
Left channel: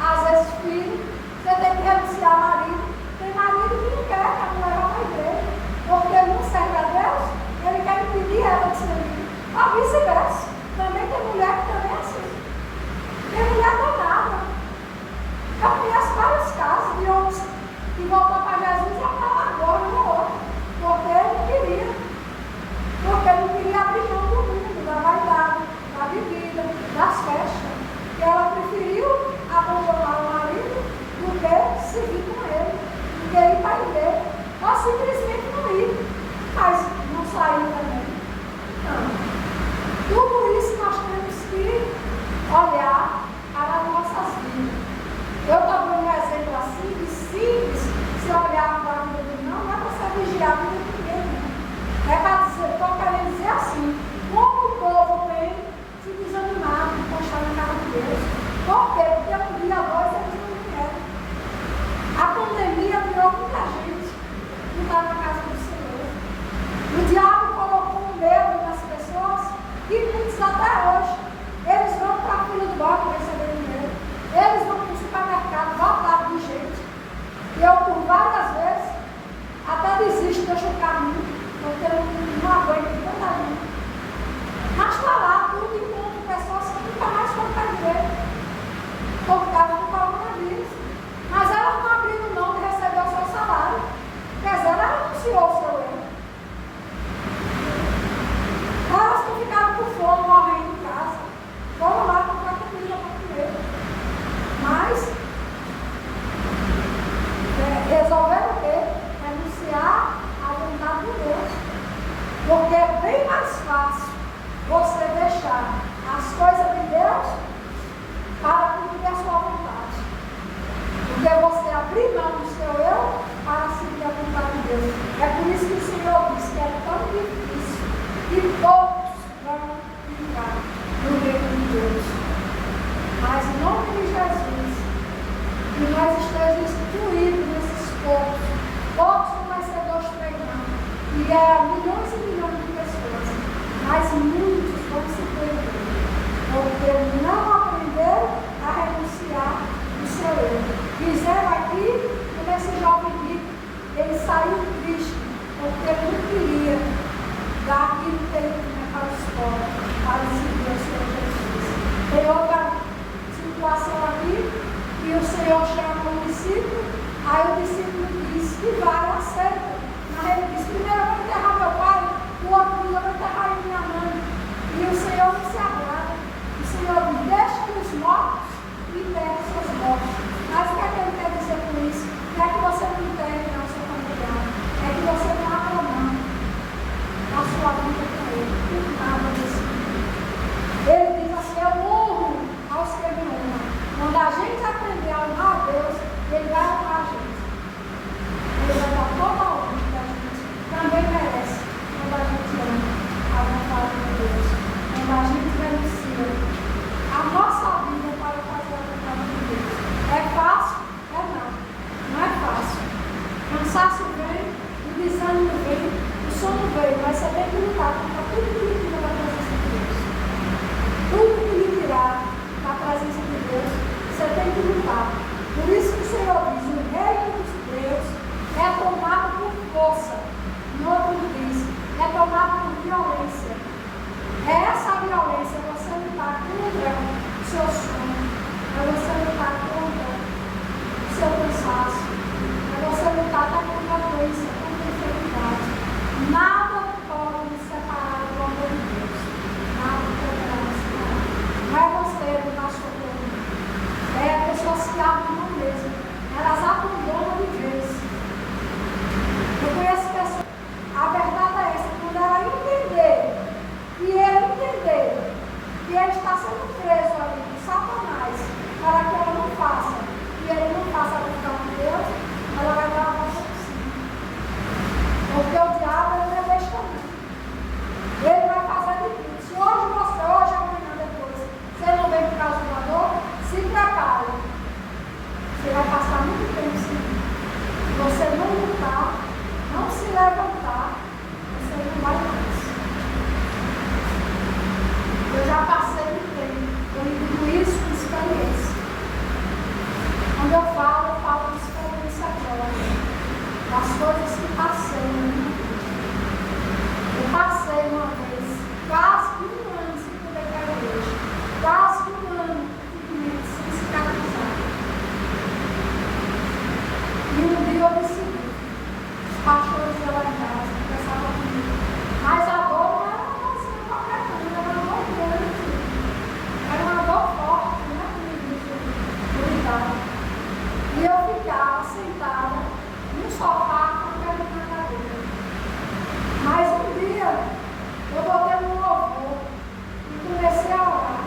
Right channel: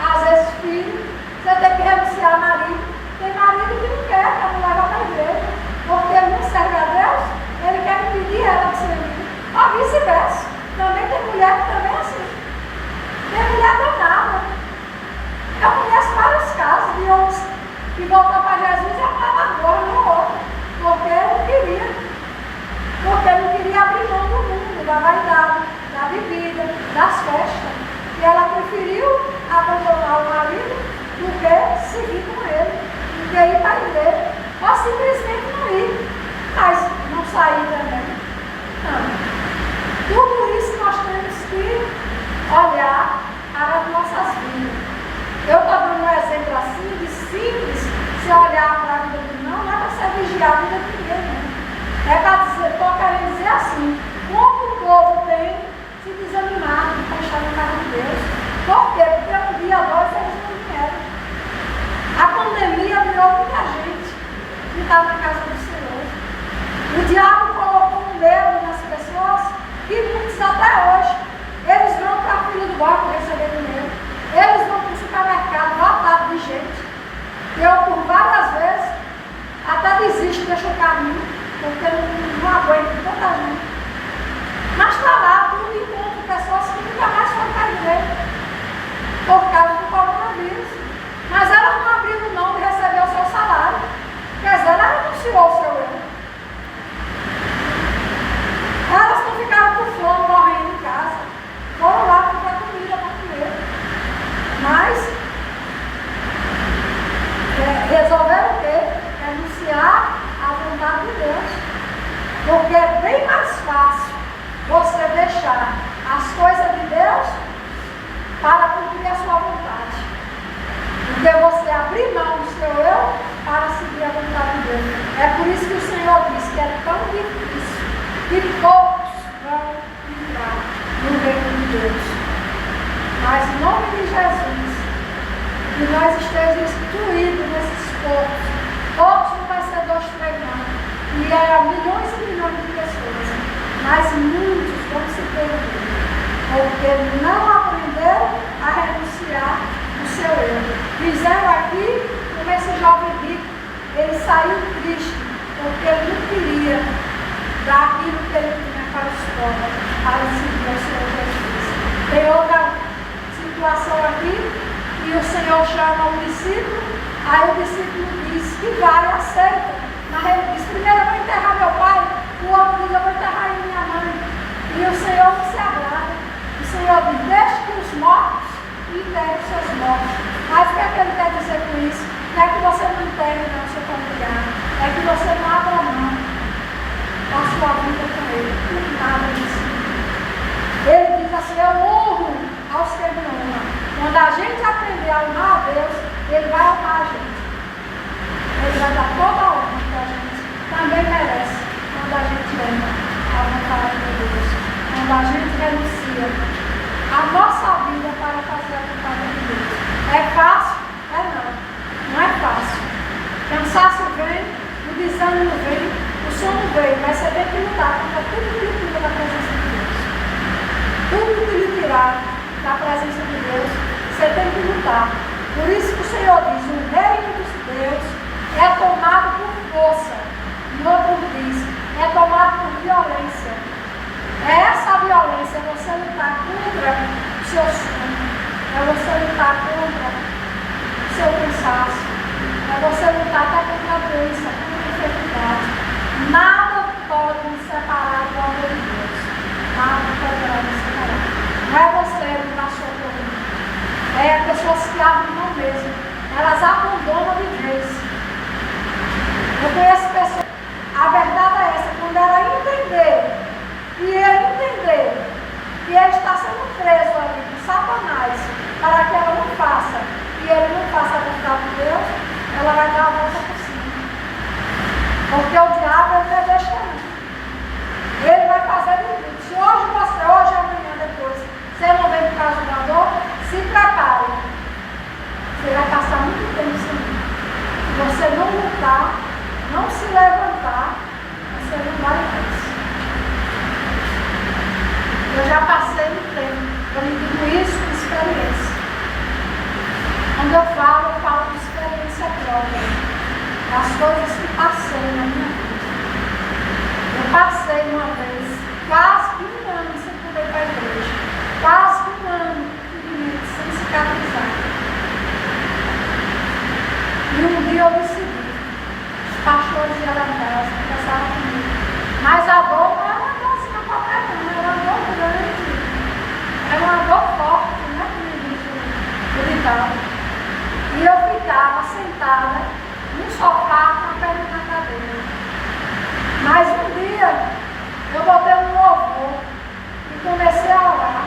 às vezes, filho. Você tem que renunciar a marido. Tem marido que não quer que a mulher vá para a igreja. Porque ele não serve a Deus, ele quer impedir ela de servir. Ou vice-versa. Também tem mulher que também é assim. Tem mulher danada. Eu conheço vários casos de homens que voltou para Jesus e acaba agora no outro. Porque não queria. Porque não queria abrir mão do mundo, da vaidade, da bebida, das festas. E ela preferiu abandonar o marido do que seguir com ele, do que ir para a igreja. Ou simplesmente não ir. Mas não sair também. Não. Tudo isso nós temos que olhar para as nossas vidas. Eu estou dando um exemplo assim, de simples, se olhar para a vida do não é para você vigiar a vida de ninguém. É para dizer, estou querendo dizer assim, como o povo tem se desanimado de estar na casa de Deus. Por quê? Porque um dia, 2, eles não vieram. está na casa do Senhor. O diabo colocou um medo nas pessoas e muitos até hoje, eles vão para a fila do banco receber dinheiro, eles vão para o supermercado lotado de gente. Eu, por várias vezes, até desisto, deixo o caminho, porque não aguento tanta gente. Mas está lá, tudo encontro pessoas que nunca mais foram para a igreja, por causa do coronavírus. Mas elas não abriram mão de receber o seu salário. Quer dizer, ela renunciou o seu erro. Elas não ficaram com fome, morrendo em casa. Foram lá comprar comida para comer. Mas resolveram o quê? Renunciar à vontade de Deus. Porque é bem mais fácil você deixar as coisas de Deus para cumprir a sua vontade. Porque você abrir mão do seu eu para seguir a vontade de Deus. É por isso que o Senhor diz que é tão difícil que poucos vão entrar no reino de Deus. Mas em nome de Jesus, que nós estejamos incluídos nesses poucos. Poucos não vai ser 2, 3 anos. E é milhões e milhões de pessoas. Mas muitos vão se perder. Porque não aprenderam a renunciar do seu erro. Fizeram aqui, como esse jovem rico, ele saiu triste, porque ele não queria dar aquilo que ele tinha para a escola, para seguir o Senhor Jesus. Tem outra situação aqui, e o Senhor chama o discípulo, aí o discípulo diz que vai, aceita. Mas ele diz, primeiro eu vou enterrar meu pai, o outro diz, eu vou enterrar minha mãe. E o Senhor não se agrada. O Senhor diz, deixe que os mortos enterrem seus mortos. Mas o que é que ele quer dizer com isso? Não é que você não enterre não seu familiar, é que você não abra mão da sua vida com ele. Nada disso. Ele diz assim, eu honro aos que me honram. Quando a gente aprender a honrar a Deus, ele vai honrar a gente. Ele vai dar toda a honra que a gente também merece quando a gente honra a vontade de Deus. Quando a gente renuncia a nossa vida para fazer a vontade de Deus. É fácil? É não. Não é fácil. Cansaço vem, o desânimo vem, o sono vem, mas você tem que lutar contra tudo que lhe tira da presença de Deus. Tudo que lhe tirar da presença de Deus, você tem que lutar. Por isso que o Senhor diz, o reino dos Deus é tomado por força. No outro diz, é tomado por violência. É essa violência, é você lutar contra o seu sonho, é você lutar contra o seu cansaço, é você lutar até contra a doença, contra a enfermidade. Nada pode nos separar do amor de Deus. Nada pode nos separar. Não é você mudar sua coluna. É a pessoa se abre não mesmo. Elas abandonam de vez. Eu conheço pessoas. A verdade é essa, quando ela entender e ele entender que ele está sendo preso ali por Satanás para que ela não faça e ele não faça a vontade de Deus, ela vai dar a volta por cima. Porque o diabo ele não deixa não. Ele vai fazer de tudo. Se hoje, amanhã, depois, você não vem por causa da dor, se prepare. Você vai passar muito tempo sem mim. Se você não lutar, não se levantar, você não vai ver. Eu já passei um tempo, eu lhe digo isso com experiência. Quando eu falo de experiência própria, das coisas que passei na minha vida. Eu passei uma vez, quase que 1 ano sem poder ir para a igreja, quase que 1 ano sem cicatrizar. E um dia eu decidi, os pastores iam lá em casa, conversavam comigo, mas a dor não era uma dor assim, qualquer não, era uma dor grande, era uma dor forte, né, que me disse, gritava. E eu ficava sentada no sofá com a perna na cadeira. Mas um dia eu botei um louvor e comecei a orar.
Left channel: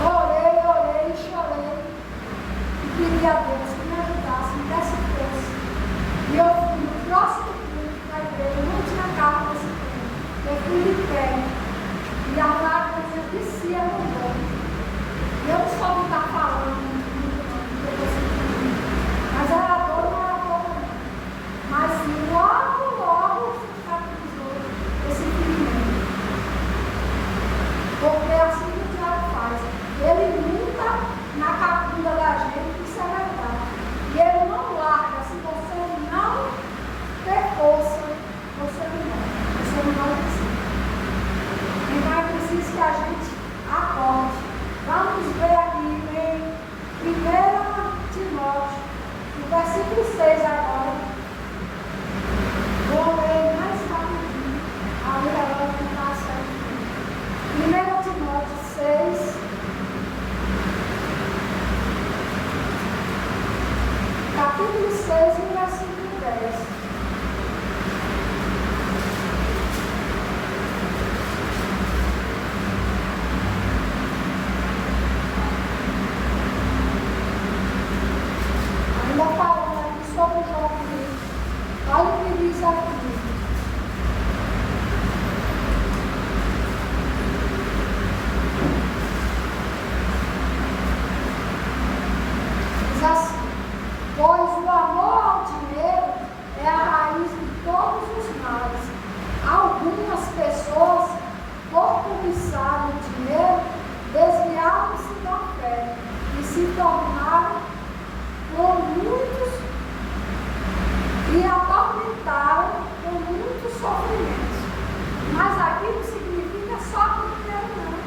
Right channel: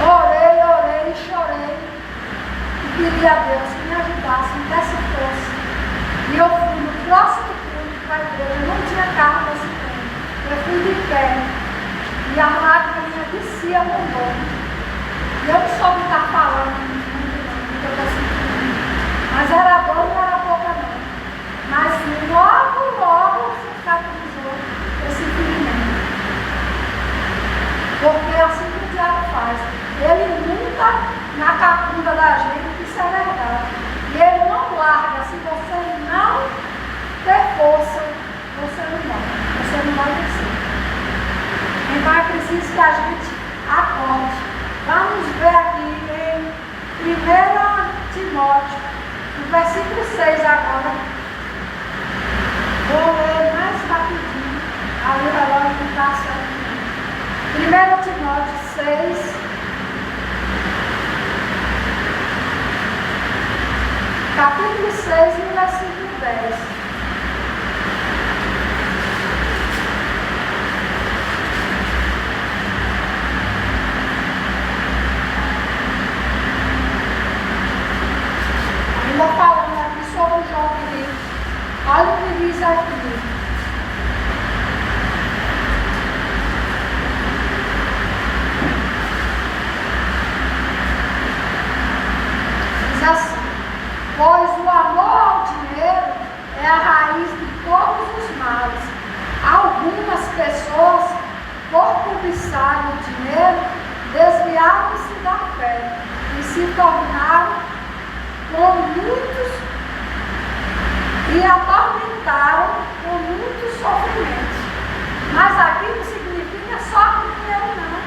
Orei e chorei. E pedi a Deus que me ajudasse, me desse força. E eu fui no próximo culto para a igreja, eu não tinha carro nesse tempo. Eu fui de pé. E a lágrima descia no ombro. E eu não soube estar falando muito, não, porque eu estou sentindo. Mas era dor, não era pouca não. que a gente acorde. Vamos ver aqui em 1 Timóteo, no versículo 6 agora. Vou ler mais rapidinho. Aí o relógio não está certo. 1 Timóteo 6. Capítulo 6, no versículo 10. Ainda falando aqui sobre o João Filipe. Olha o que diz aqui. Diz assim: pois o amor ao dinheiro é a raiz de todos os males. Algumas pessoas, por cobiçarem o dinheiro, desviaram-se da fé e se tornaram com muitos e atormentaram com muitos sofrimentos. Mas aqui não significa só com dinheiro, não.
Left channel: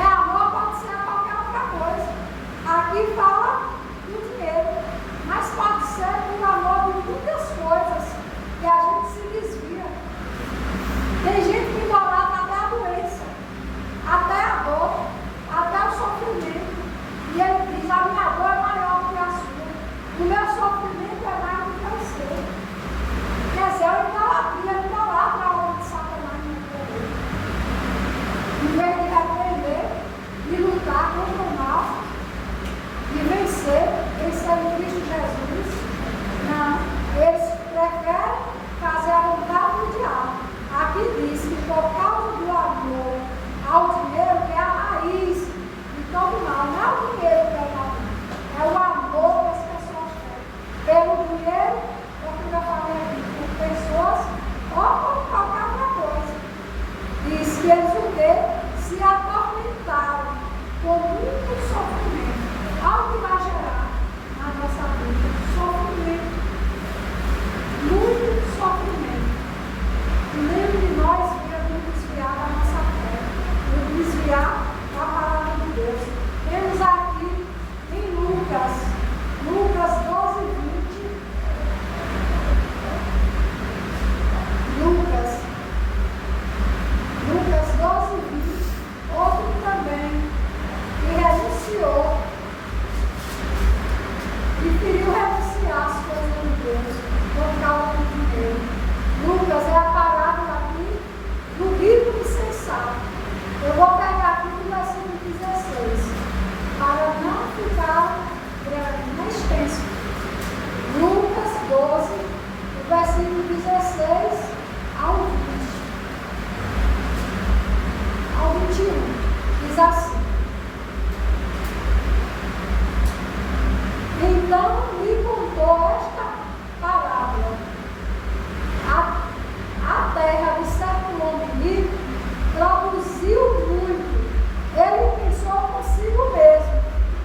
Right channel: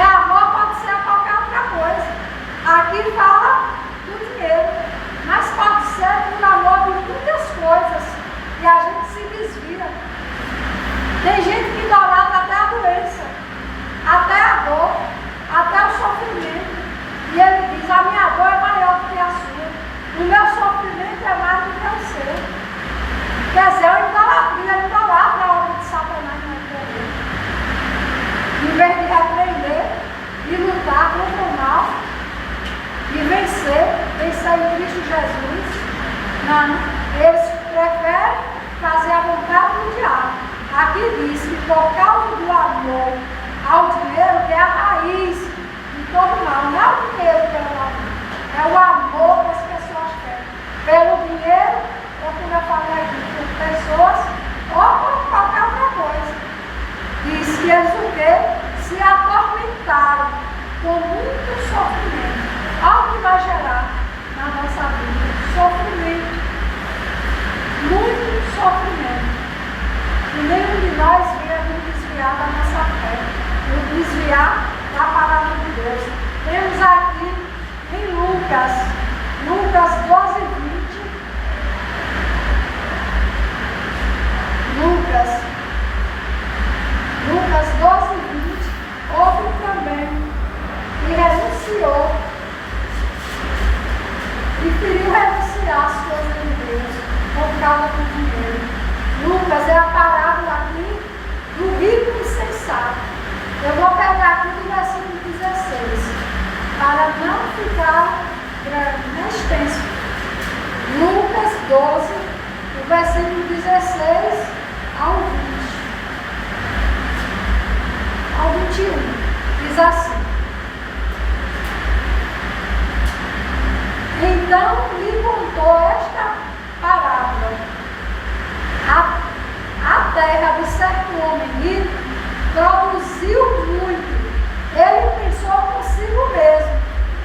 É amor, pode ser qualquer outra coisa. Aqui fala do dinheiro, mas pode ser por amor de muitas coisas que a gente se desvia. Tem gente que idolatra até a doença, até a dor, até o sofrimento. E ele diz: a minha dor é maior do que a sua, o meu sofrimento é mais do que o seu. Quer dizer, eu idolatra a obra de Satanás na vida dele. Em vez de repreender e lutar contra o mal e vencer em Cristo Jesus, não, eles preferem fazer a vontade do diabo. Aqui diz que por causa do amor ao dinheiro, que é a raiz de todo mal, não é o dinheiro pelo amor, é o amor que as pessoas têm pelo dinheiro, ou como eu falei aqui, por pessoas, ou por qualquer outra coisa. Diz que eles o quê? Se atormentaram com muito sofrimento. Olha o que vai gerar na nossa vida: sofrimento, muito sofrimento. E nenhum de nós venha nos desviar da nossa fé, nos desviar da palavra de Deus. Temos aqui em Lucas 12, 20. Lucas 12, 20. Outro também que renunciou e queria renunciar as coisas de Deus por causa do dinheiro. Lucas é a parábola aqui do rico insensato. Eu vou pegar aqui do versículo 16, para não ficar grande, nem extenso. Lucas 12, do versículo 16 ao 21. Diz assim: então lhe contou esta parábola. A terra de certo homem rico produziu muito. Ele pensou consigo mesmo:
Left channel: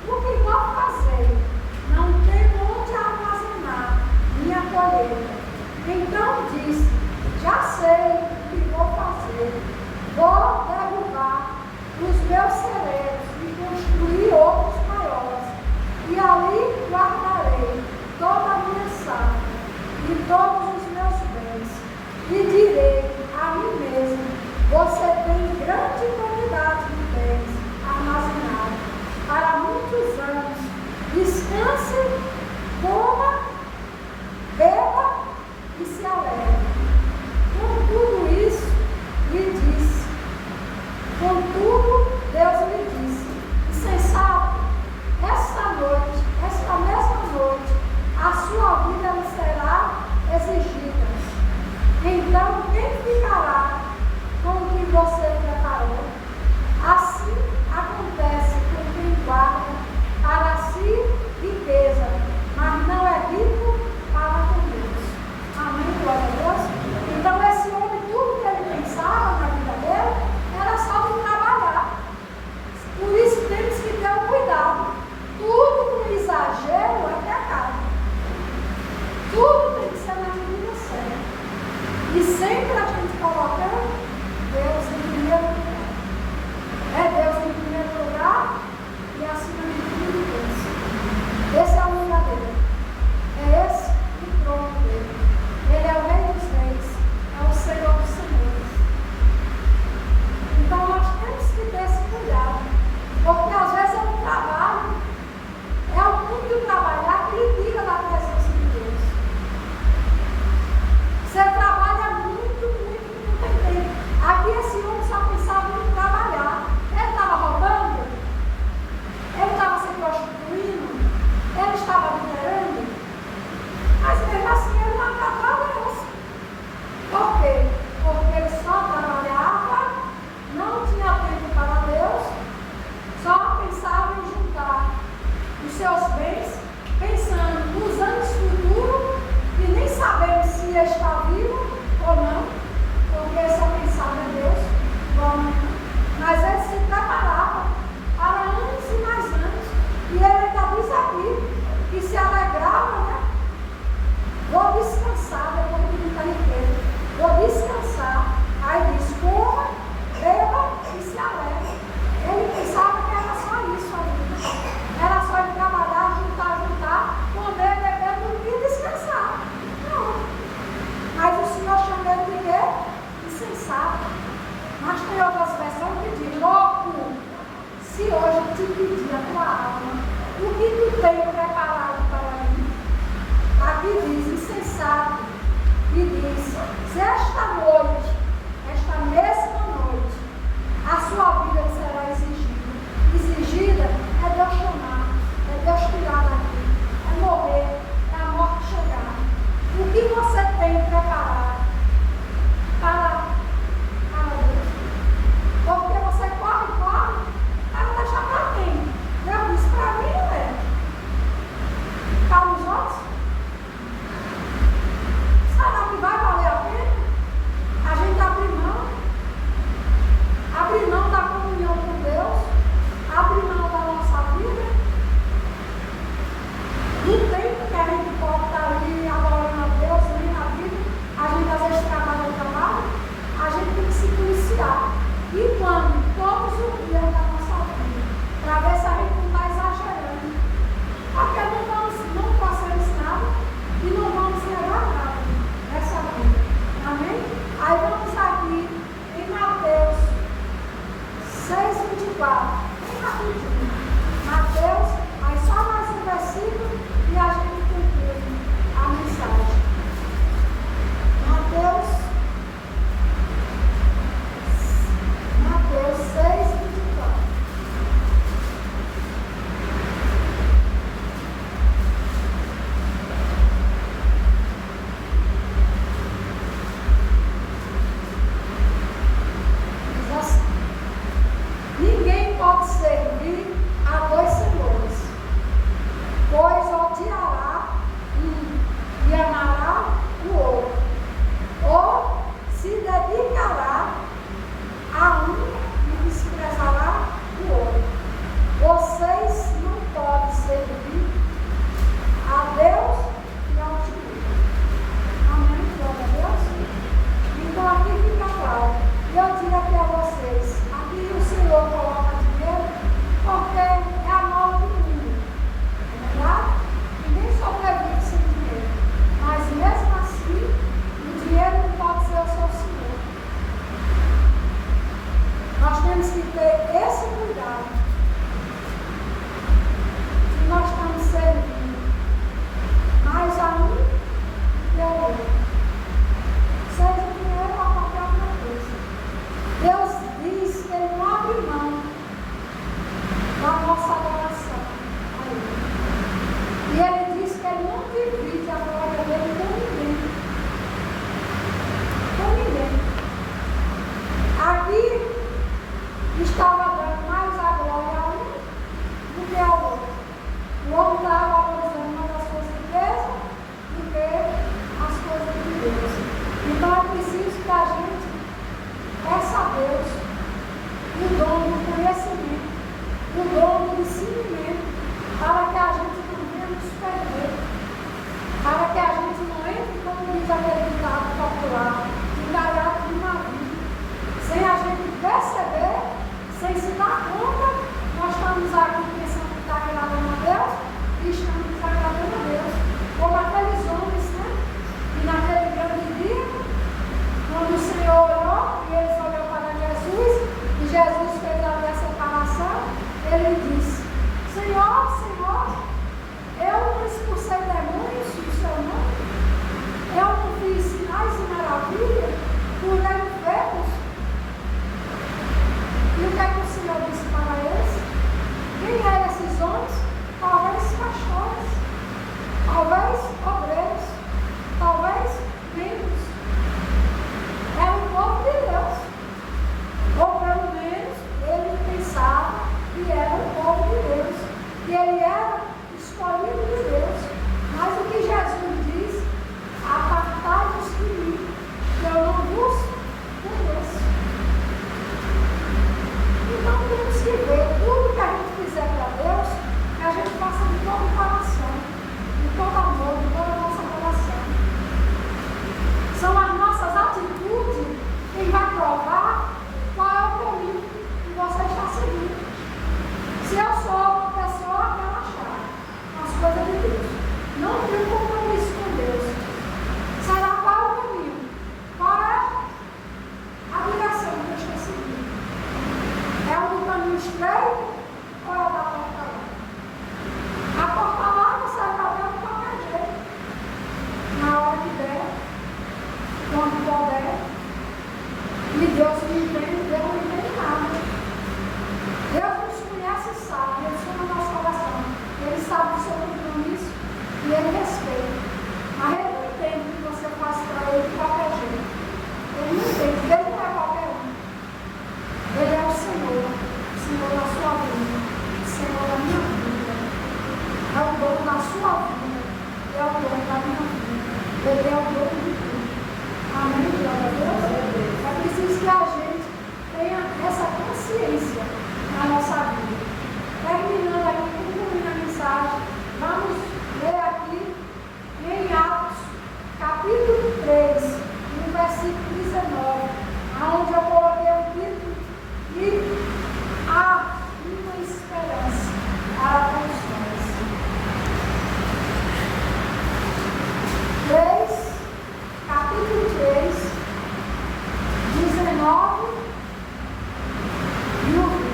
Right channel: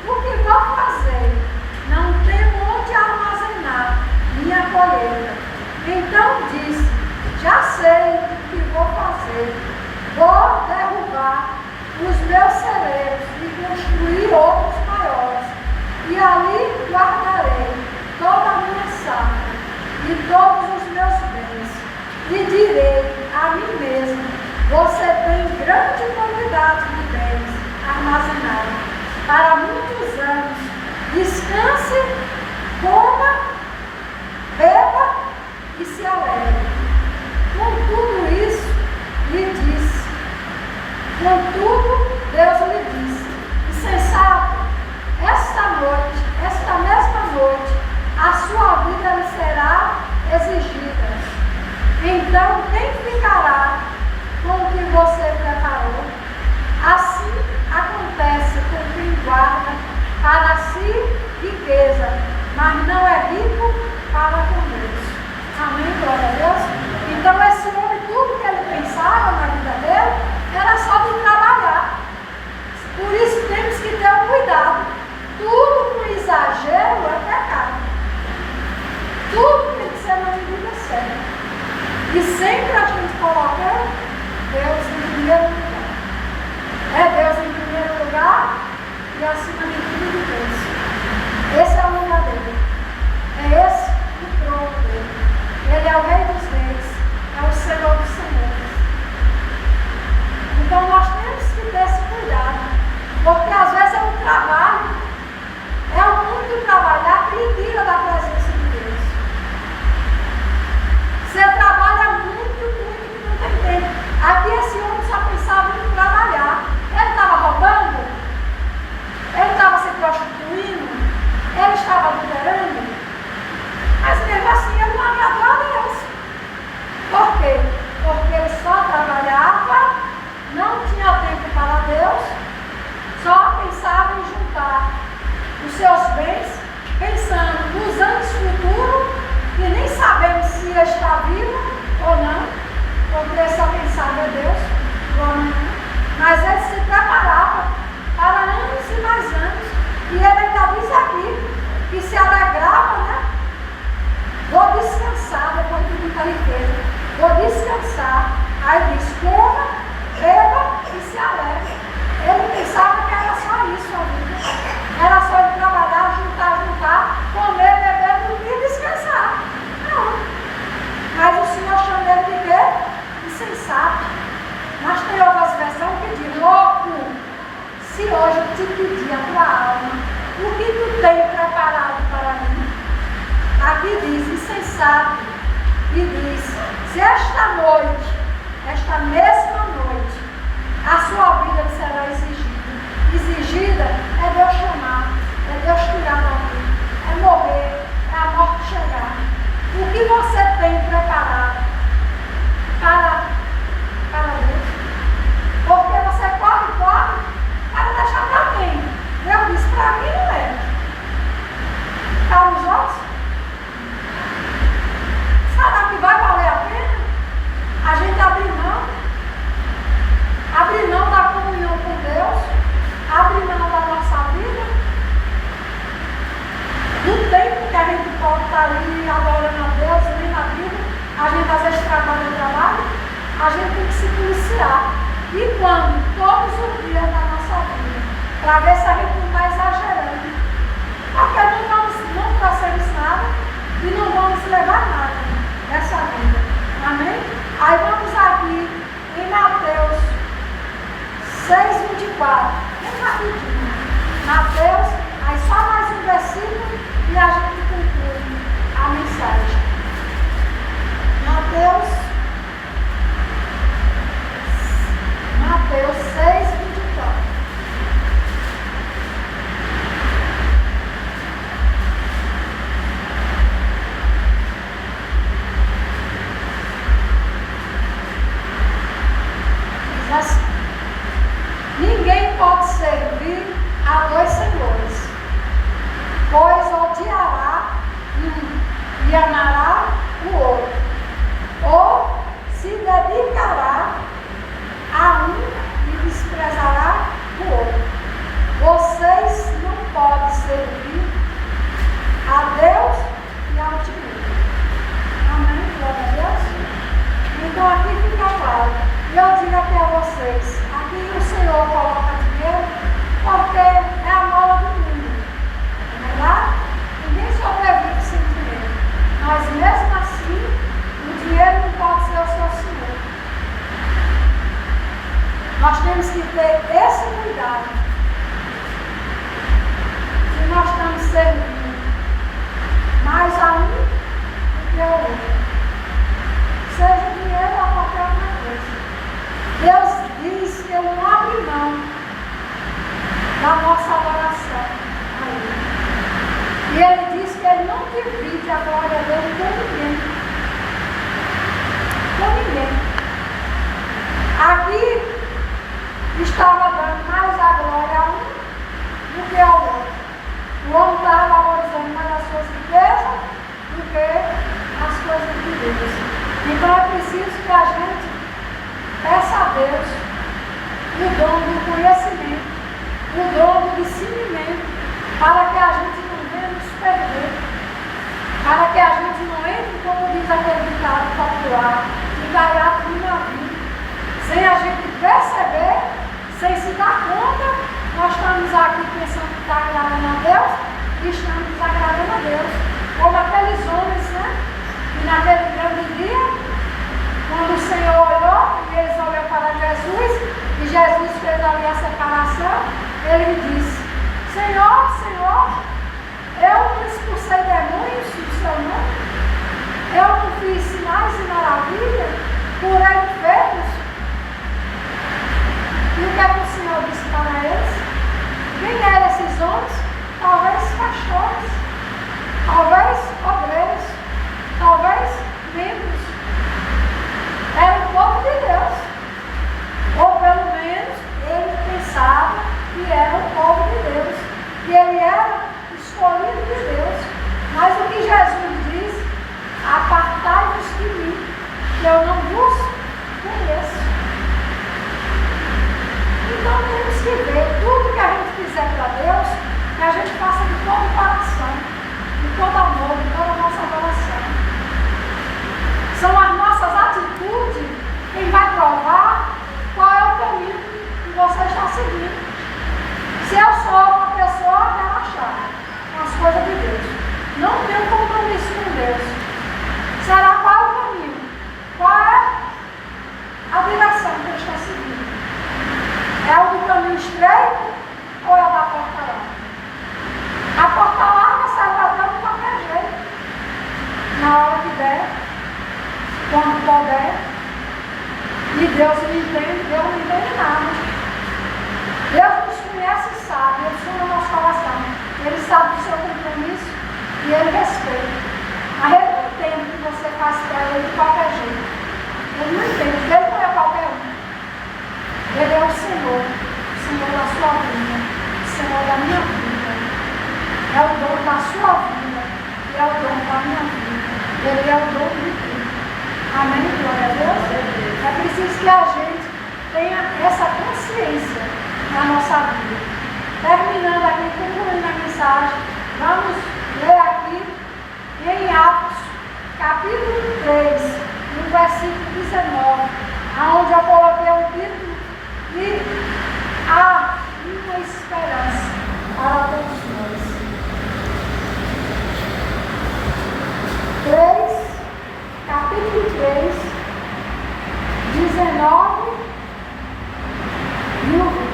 o que vou fazer? Não tenho onde armazenar minha colheita. Então disse: já sei o que vou fazer. Vou derrubar os meus celeiros e construir outros maiores. E ali guardarei toda a minha safra e todos os meus bens. E direi a mim mesmo: você tem grande quantidade de bens armazenados para muitos anos. Descanse, coma, beba e se alegre. Com tudo isso, lhe disse. Contudo, Deus lhe disse: insensato, esta mesma noite, a sua vida lhe será exigida. Então, quem ficará com o que você preparou? Assim acontece com quem guarda para si riqueza pensando nos anos futuros e nem sabemos se está vivo ou não, porque só quem sabe é Deus. Mas ele se preparava para anos e mais anos. E ele ainda diz aqui que se alegrava, né? Vou descansar, depois de muita riqueza. Vou descansar. Aí diz, coma, beba e se alegre. Ele pensava que era só isso a vida. Era só ele trabalhar, juntar, comer, beber, dormir e descansar. Não. Mas o Senhor chama ele de quê? Insensato. Mas tem outras versões que diz, louco, se hoje eu te pedir a tua alma, o que tu tem preparado para mim? Aqui diz, insensato, e diz, se esta noite, esta mesma noite, a sua vida será exigida. Exigida é Deus chamar, é Deus tirar daqui, é morrer, é a morte chegar. O que você tem preparado para Deus? Porque você corre para deixar para quem? Deus disse, para mim não é. Para os outros? Será que vai valer a pena a gente abrir mão da comunhão com Deus, abrir mão da nossa vida, do tempo que a gente pode estar ali adorando a Deus, lendo a Bíblia, a gente às vezes trabalha, a gente tem que se policiar. E quando? Todos os dias da nossa vida, para ver se a gente não está exagerando. Porque não trouxemos nada e não vamos levar nada nessa vida. Amém? Aí vamos aqui em Mateus 6:24. Bem rapidinho. Mateus, aí só mais um versículo e a gente conclui a mensagem. Mateus 6:24. Diz assim: ninguém pode servir a dois senhores, pois odiará um e amará o outro, ou se dedicará a um e desprezará o outro. Vocês não podem servir a Deus e ao dinheiro. Amém? Glória a Deus. Então aqui fica claro. E eu digo até a vocês, aqui o Senhor coloca dinheiro porque é a moda do mundo. Não é verdade? Ninguém sobrevive sem dinheiro. Mas mesmo assim, o dinheiro não pode ser o seu Senhor. Nós temos que ter esse cuidado. Se nós estamos servindo mais a um do que ao outro, seja dinheiro ou qualquer outra coisa. Deus diz que eu não abro mão da nossa adoração a Ele. E Ele diz que Ele não divide a glória dele com ninguém. Com ninguém. Aqui estava dando mais a glória a um do que ao outro. O homem estava valorizando mais as suas riquezas do que as coisas de Deus. Então é preciso que a gente peça a Deus o dom do conhecimento, o dom do discernimento, para que a gente não venha nos perder, para que a gente não entre, como diz aquele ditado popular, engaiado no navio, sem a gente perceber, sem se dar conta, nós estamos aqui pensando que está agradando a Deus e estamos desagradando a Deus. Como aqueles homens, né? E naquele grande dia, quando o Senhor olhou e eles olharam para Jesus, e Jesus fez ali a separação, ele disse: Senhor, Senhor, eu não expulsei demônios do seu nome, eu não fiz sinais e maravilhas, curei enfermos. E o que é que o Senhor disse para eles? Quem eram esses homens? Talvez pastores, talvez obreiros, talvez membros. Era o povo de Deus. Ou pelo menos ele pensava que era o povo de Deus. E ele era coisas de Deus. Não tem um compromisso com Deus. Será qual o caminho? Qual é a direção que eles estão seguindo? É o do caminho estreito ou é o da porta larga? A porta larga sai batendo de qualquer jeito. Na hora que der, quando puder. E Deus não entende, Deus não entende nada. Deus nos conhece e sabe, Ele sonha o nosso coração. Ele sabe do seu compromisso e Ele respeita. Mas Ele não entende que você faz para Ele de qualquer jeito. Ele não entende, porque Ele não é qualquer um. Ele é o Senhor da sua vida, o Senhor da minha vida. É o dono da sua vida, é o dono da minha vida. Ele é o dono de tudo. Amém? Glória a Deus. É preciso que a gente tenha essa consciência na nossa vida. Terminando aqui, concluindo a mensagem, vamos ler aqui em Atos, capítulo 3, no versículo 19, onde eu coloquei o título de Há uma esperança para todos nós. 3, capítulo 3, 19 e o 20.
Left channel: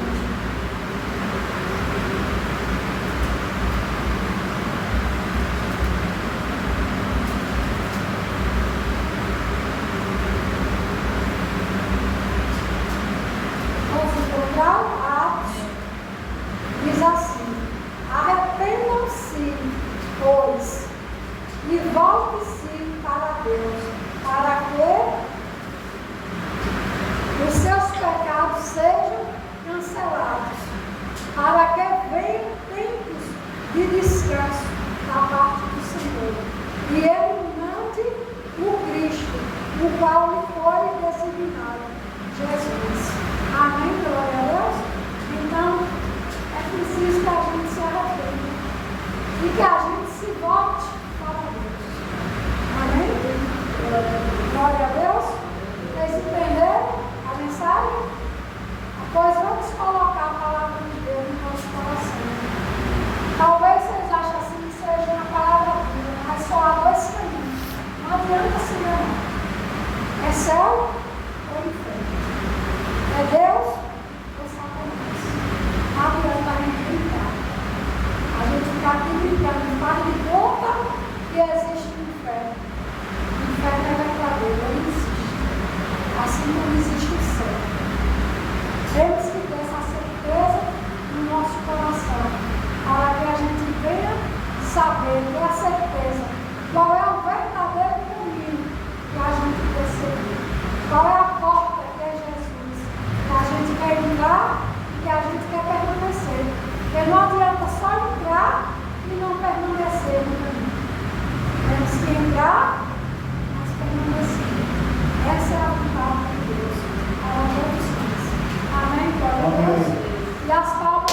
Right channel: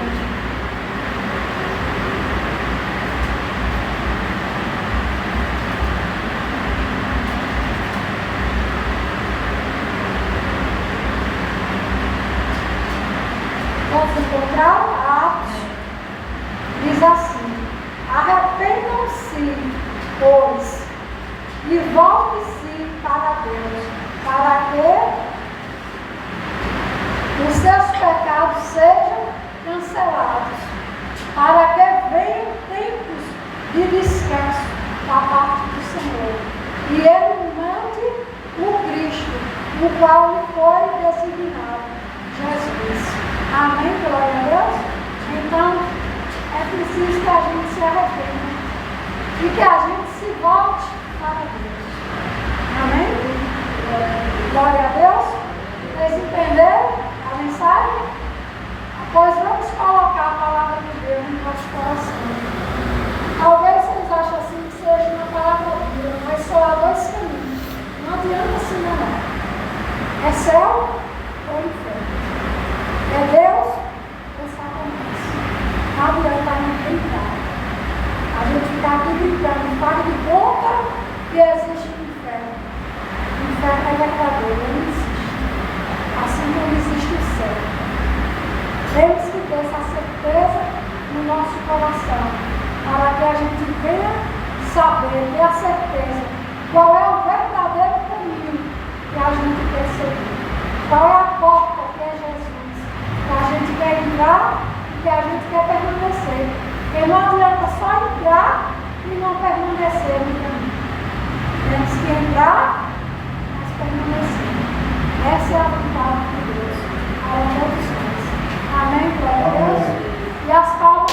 Vamos encontrar Atos, diz assim: arrependam-se, pois, e volte-se para Deus, para que os seus pecados sejam cancelados, para que venham tempos de descanso da parte do Senhor, e Ele mande o Cristo, o qual lhe foi designado, Jesus. Amém, glória a Deus? Então, é preciso que a gente se arrependa e que a gente se volte para Deus. Amém? Glória a Deus. Vocês entenderam a mensagem? Pois vamos colocar a palavra de Deus no nosso coração. Talvez vocês achem assim que seja uma palavra dura, mas só há dois caminhos. Não adianta se enganar. É céu ou inferno. É Deus ou Satanás. A mulher está me brincando. A gente está aqui brincando, faz de conta que existe um inferno. O inferno é verdadeiro, ele existe. Assim como existe o céu. Temos que ter essa certeza no nosso coração, para que a gente venha saber, ter a certeza qual é o verdadeiro caminho que a gente quer seguir. Qual é a porta que é Jesus, que a gente quer entrar e que a gente quer permanecer. Porque não adianta só entrar e não permanecer no caminho. Temos que entrar, mas permanecer. Essa é a vontade de Deus. A todos nós. Amém? Glória a Deus. E as palavras